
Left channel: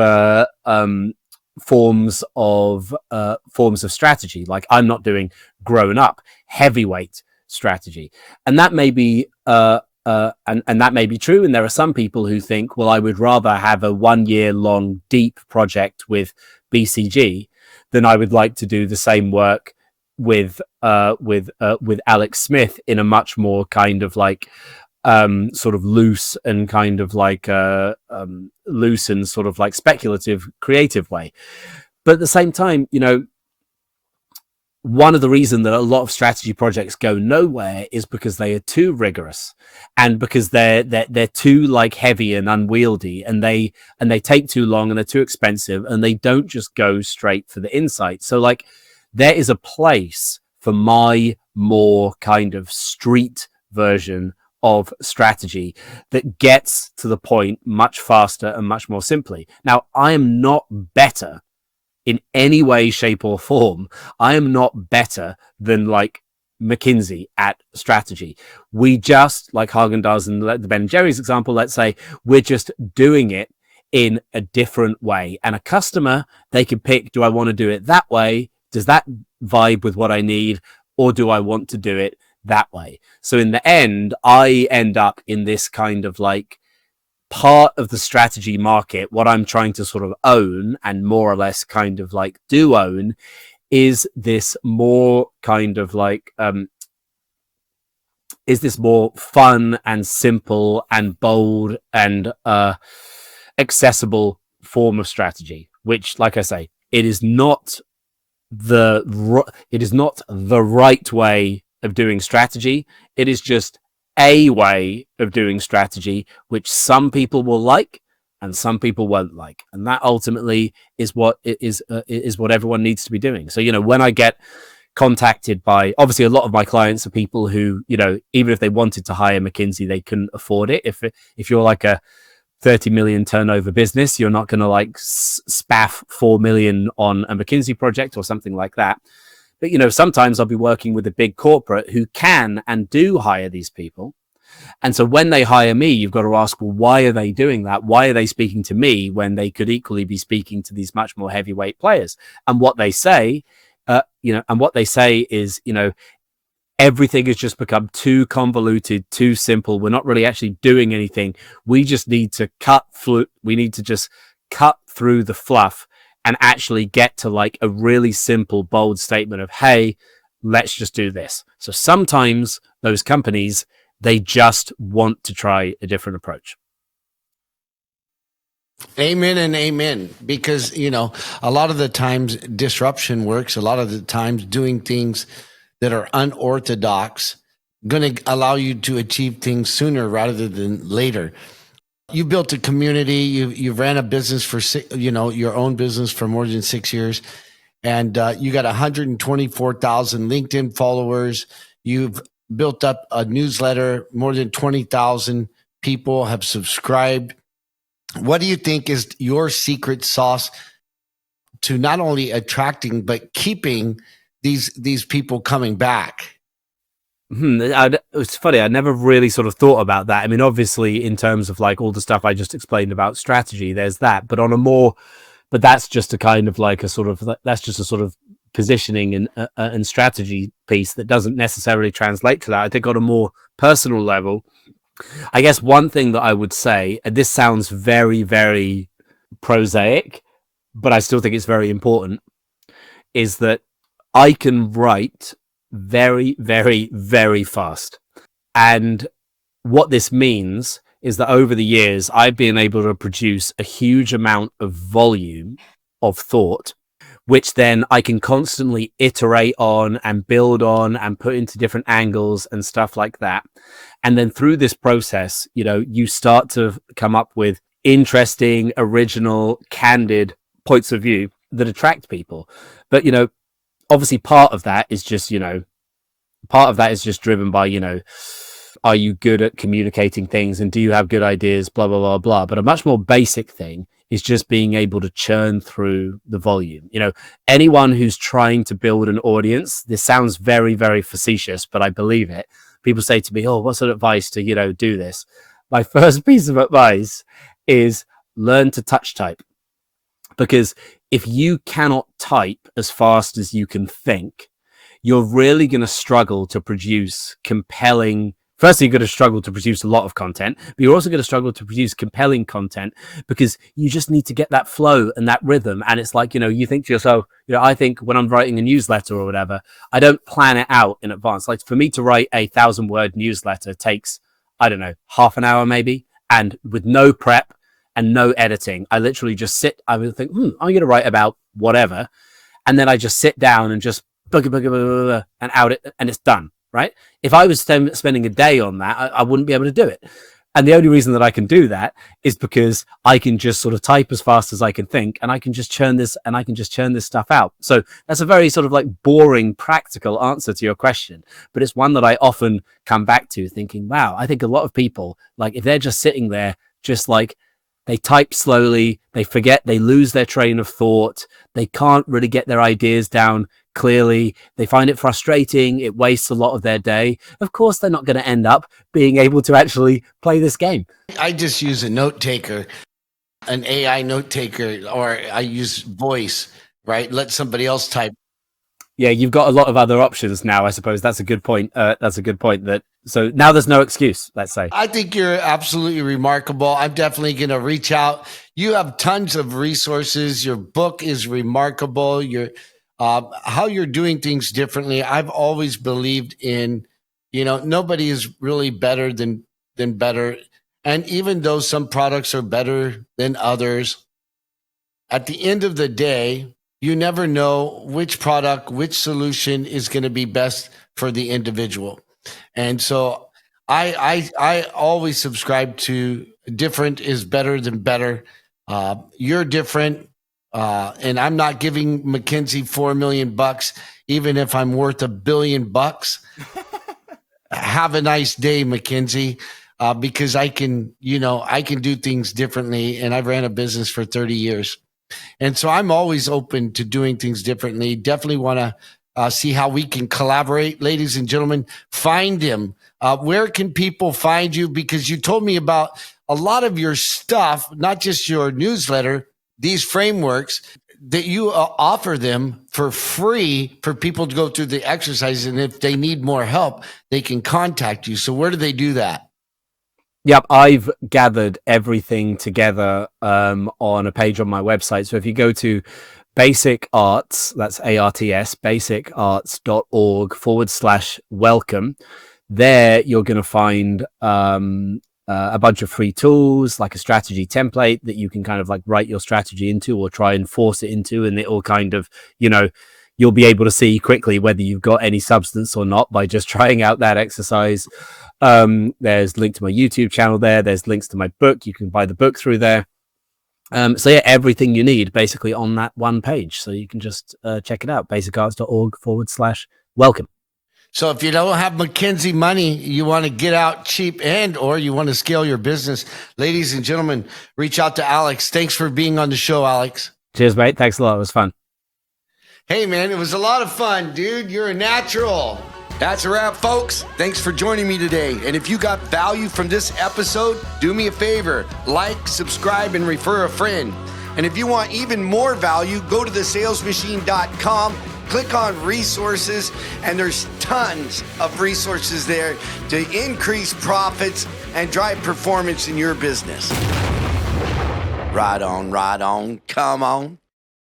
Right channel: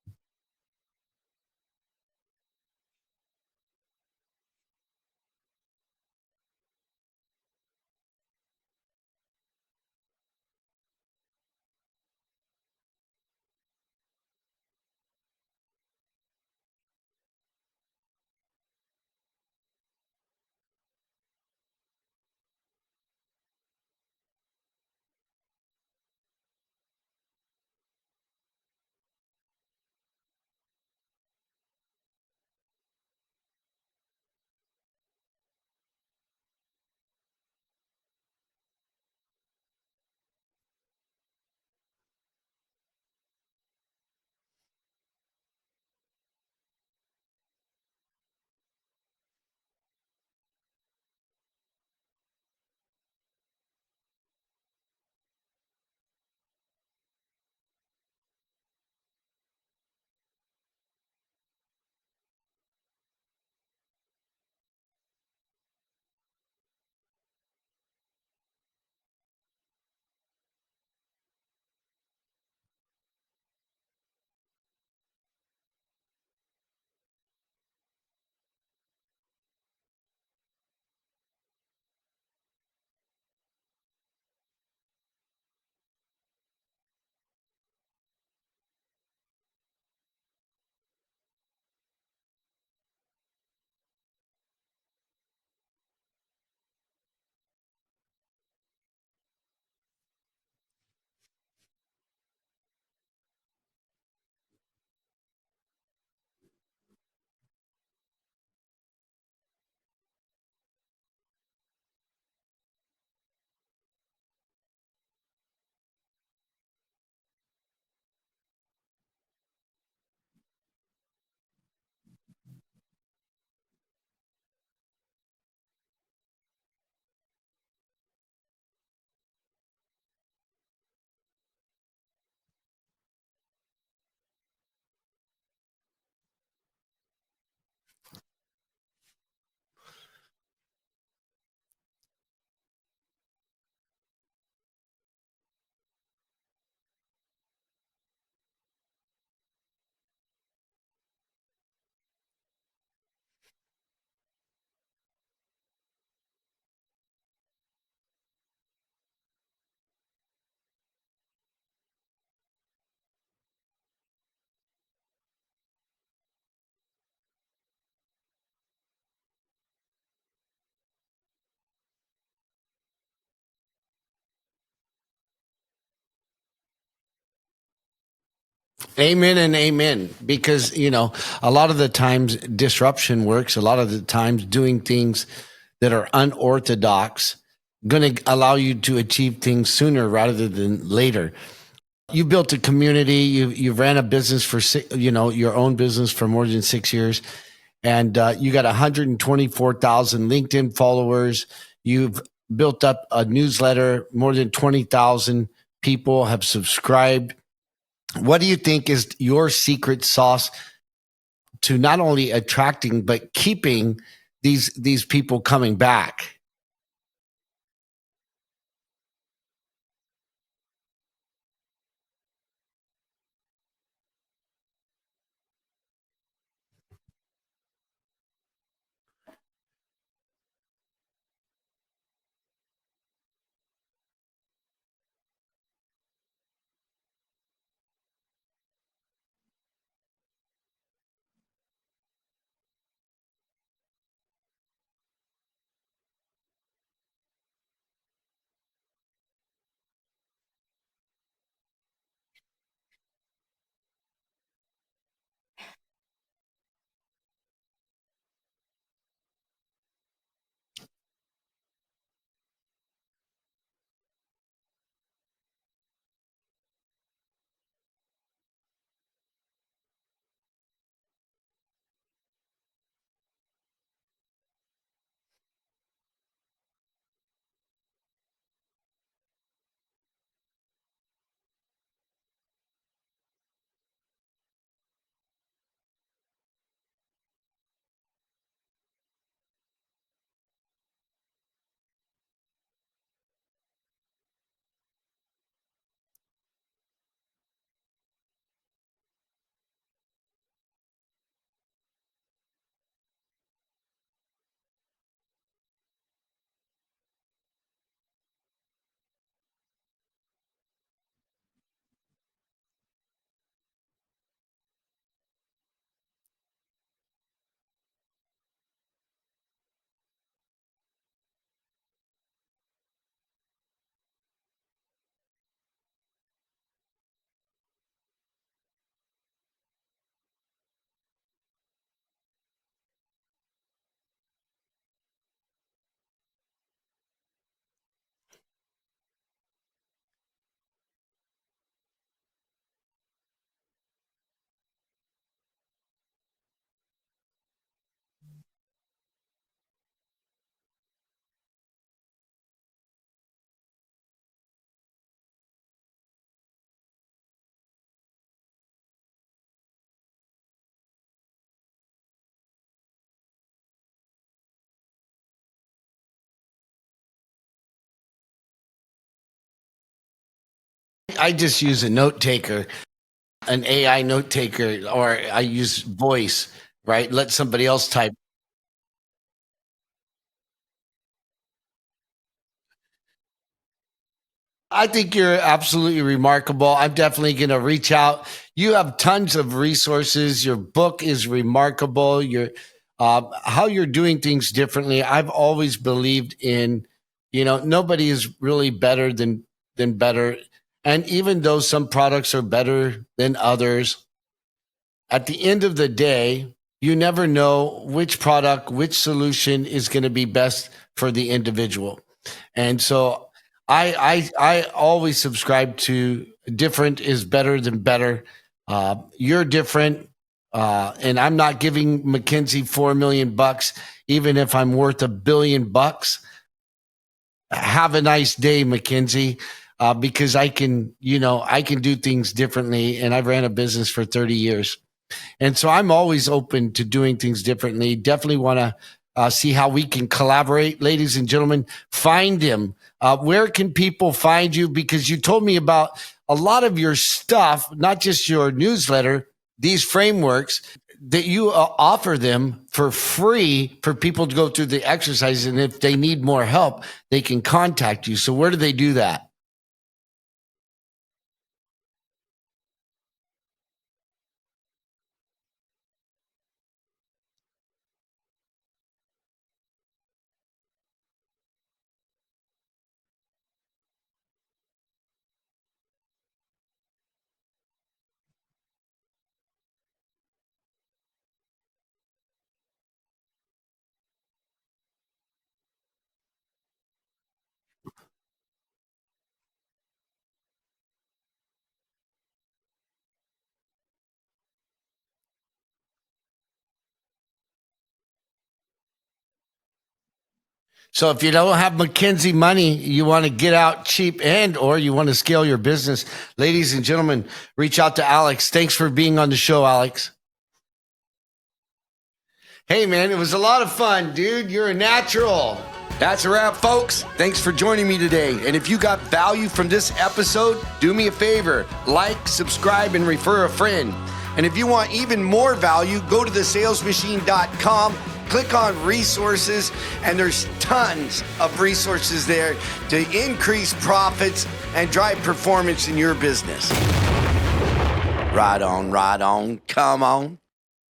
forms of strategy. Like, I'm not doing grown up heavyweight strategy, and that may be and that may be true. And there are some people who think, well, I would rather have a 1 year long deep project with BCG than I would like to do the same work with Alex Smith in a much more kind of like sort of loose and kind of like loose and sort of like speculative, creative way. But at the same time, you know, one of the reasons that a lot of strategy projects go nowhere is because they are too rigorous, and because they're too like heavy and unwieldy, and they take too long, and they're too expensive, and they don't just go straight for the insight. So like, there is a place for my more kind of street version of strategy that gets to the point much faster and much more simply. Now, I am not better in any way, shape, or form. I am not better than like McKinsey at strategy. We just, like Häagen-Dazs and the Ben & Jerry's example, let's say we're just doing it in a different way. And a customer, they can pick, do I want to do it that way? Does that vibe with what I need? Or do I want to do it that way? So in the end, I end up in this kind of like part of the strategy market. What I'm trying to sort of own, and more or less kind of like do own, is this more kind of like is this more fun and simple and bold and accessible form of strategy, which, like I say, it is not the right way of doing strategy. It is just a way of doing strategy, which some people will like and some people won't like, and that ultimately is what everyone needs to be doing. So, you know, when I get contacted by, obviously a lot of my clients are people who, you know, even if they wanted to hire McKinsey, they couldn't afford it. If you're like a 30 million turnover business, you're not going to like spaff 4 million on a McKinsey project or something like that. But, you know, sometimes I'll be working with a big corporate who can and do hire these people. And so when they hire me, you've got to ask, well, why are they doing that? Why are they speaking to me when they could equally be speaking to these much more heavyweight players? And what they say, is, you know, everything has just become too convoluted, too simple. We're not really actually doing anything. We just need to we need to just cut through the fluff and actually get to like a really simple, bold statement of, hey, let's just do this. So sometimes those companies, they just want to try a different approach. Amen and amen. Because, you know, a lot of the times disruption works. A lot of the times doing things that are unorthodox going to allow you to achieve things sooner rather than later. You built a community. You ran a business for, you know, your own business for more than 6 years, and you got 124,000 LinkedIn followers. You've built up a newsletter. More than 20,000 people have subscribed. What do you think is your secret sauce to not only attracting but keeping these people coming back? It's funny. I never really sort of thought about that. I mean, obviously, in terms of like all the stuff I just explained about strategy, there's that. But on a more But that's just a kind of like that's just a sort of positioning and strategy piece that doesn't necessarily translate to that. I think on a more personal level, I guess one thing that I would say, and this sounds very, very prosaic, but I still think it's very important, is that I can write very, very, very fast. And what this means is that over the years, I've been able to produce a huge amount of volume of thought, which then I can constantly iterate on and build on and put into different angles and stuff like that. And then through this process, you start to come up with interesting, original, candid points of view that attract people. But, obviously part of that is just driven by, are you good at communicating things and do you have good ideas, blah, blah, blah, blah. But a much more basic thing is just being able to churn through the volume. Anyone who's trying to build an audience, this sounds very, very facetious, but I believe it. People say to me, oh, what's an advice to, do this? My first piece of advice is learn to touch type. Because if you cannot type as fast as you can think, you're really going to struggle to produce compelling. Firstly, you're going to struggle to produce a lot of content, but you're also going to struggle to produce compelling content because you just need to get that flow and that rhythm. And it's like, you think to yourself, I think when I'm writing a newsletter or whatever, I don't plan it out in advance. Like for me to write a 1,000-word newsletter takes, I don't know, half an hour maybe, and with no prep and no editing. I literally just sit, I would think, I'm going to write about whatever. And then I just sit down and just and out it, and it's done. Right? If I was spending a day on that, I wouldn't be able to do it. And the only reason that I can do that is because I can just sort of type as fast as I can think, and I can just churn this stuff out. So that's a very sort of like boring, practical answer to your question, but it's one that I often come back to thinking, wow, I think a lot of people, like if they're just sitting there, just like they type slowly, they forget, they lose their train of thought, they can't really get their ideas down clearly, they find it frustrating, it wastes a lot of their day. Of course, they're not going to end up being able to actually play this game. I just use a note taker, an AI note taker, or I use voice, right? Let somebody else type. Yeah, you've got a lot of other options now, I suppose. That's a good point. So now there's no excuse, let's say. I think you're absolutely remarkable. I'm definitely going to reach out. You have tons of resources. Your book is remarkable. How you're doing things differently. I've always believed in, nobody is really better than better. And even though some products are better than others, at the end of the day, you never know which product, which solution is going to be best for the individual. And so I always subscribe to different is better than better. You're different. And I'm not giving McKinsey $4 million, even if I'm worth $1 billion. Have a nice day, McKinsey, because I can do things differently. And I've ran a business for 30 years. And so I'm always open to doing things differently. Definitely want to see how we can collaborate. Ladies and gentlemen, find him. Where can people find you? Because you told me about a lot of your stuff, not just your newsletter, these frameworks that you offer them for free for people to go through the exercises. And if they need more help, they can contact you. So where do they do that? Yep, I've gathered everything together on a page on my website. So if you go to Basic Arts, that's ARTS, basicarts.org/welcome, there you're going to find a bunch of free tools, like a strategy template that you can kind of like write your strategy into or try and force it into. And it will kind of, you'll be able to see quickly whether you've got any substance or not by just trying out that exercise. There's a link to my YouTube channel there. There's links to my book. You can buy the book through there. So yeah, everything you need basically on that one page. So you can just check it out, basicarts.org/welcome. So if you don't have McKinsey money, you want to get out cheap or you want to scale your business, ladies and gentlemen, reach out to Alex. Thanks for being on the show, Alex. Cheers, mate. Thanks a lot. It was fun. Hey, man, it was a lot of fun, dude. You're a natural. That's a wrap, folks. Thanks for joining me today. And if you got value from this episode, do me a favor, like, subscribe, and refer a friend. And if you want even more value, go to thesalesmachine.com, click on resources, and there's tons of resources there to increase profits and drive performance in your business. Right on, come on.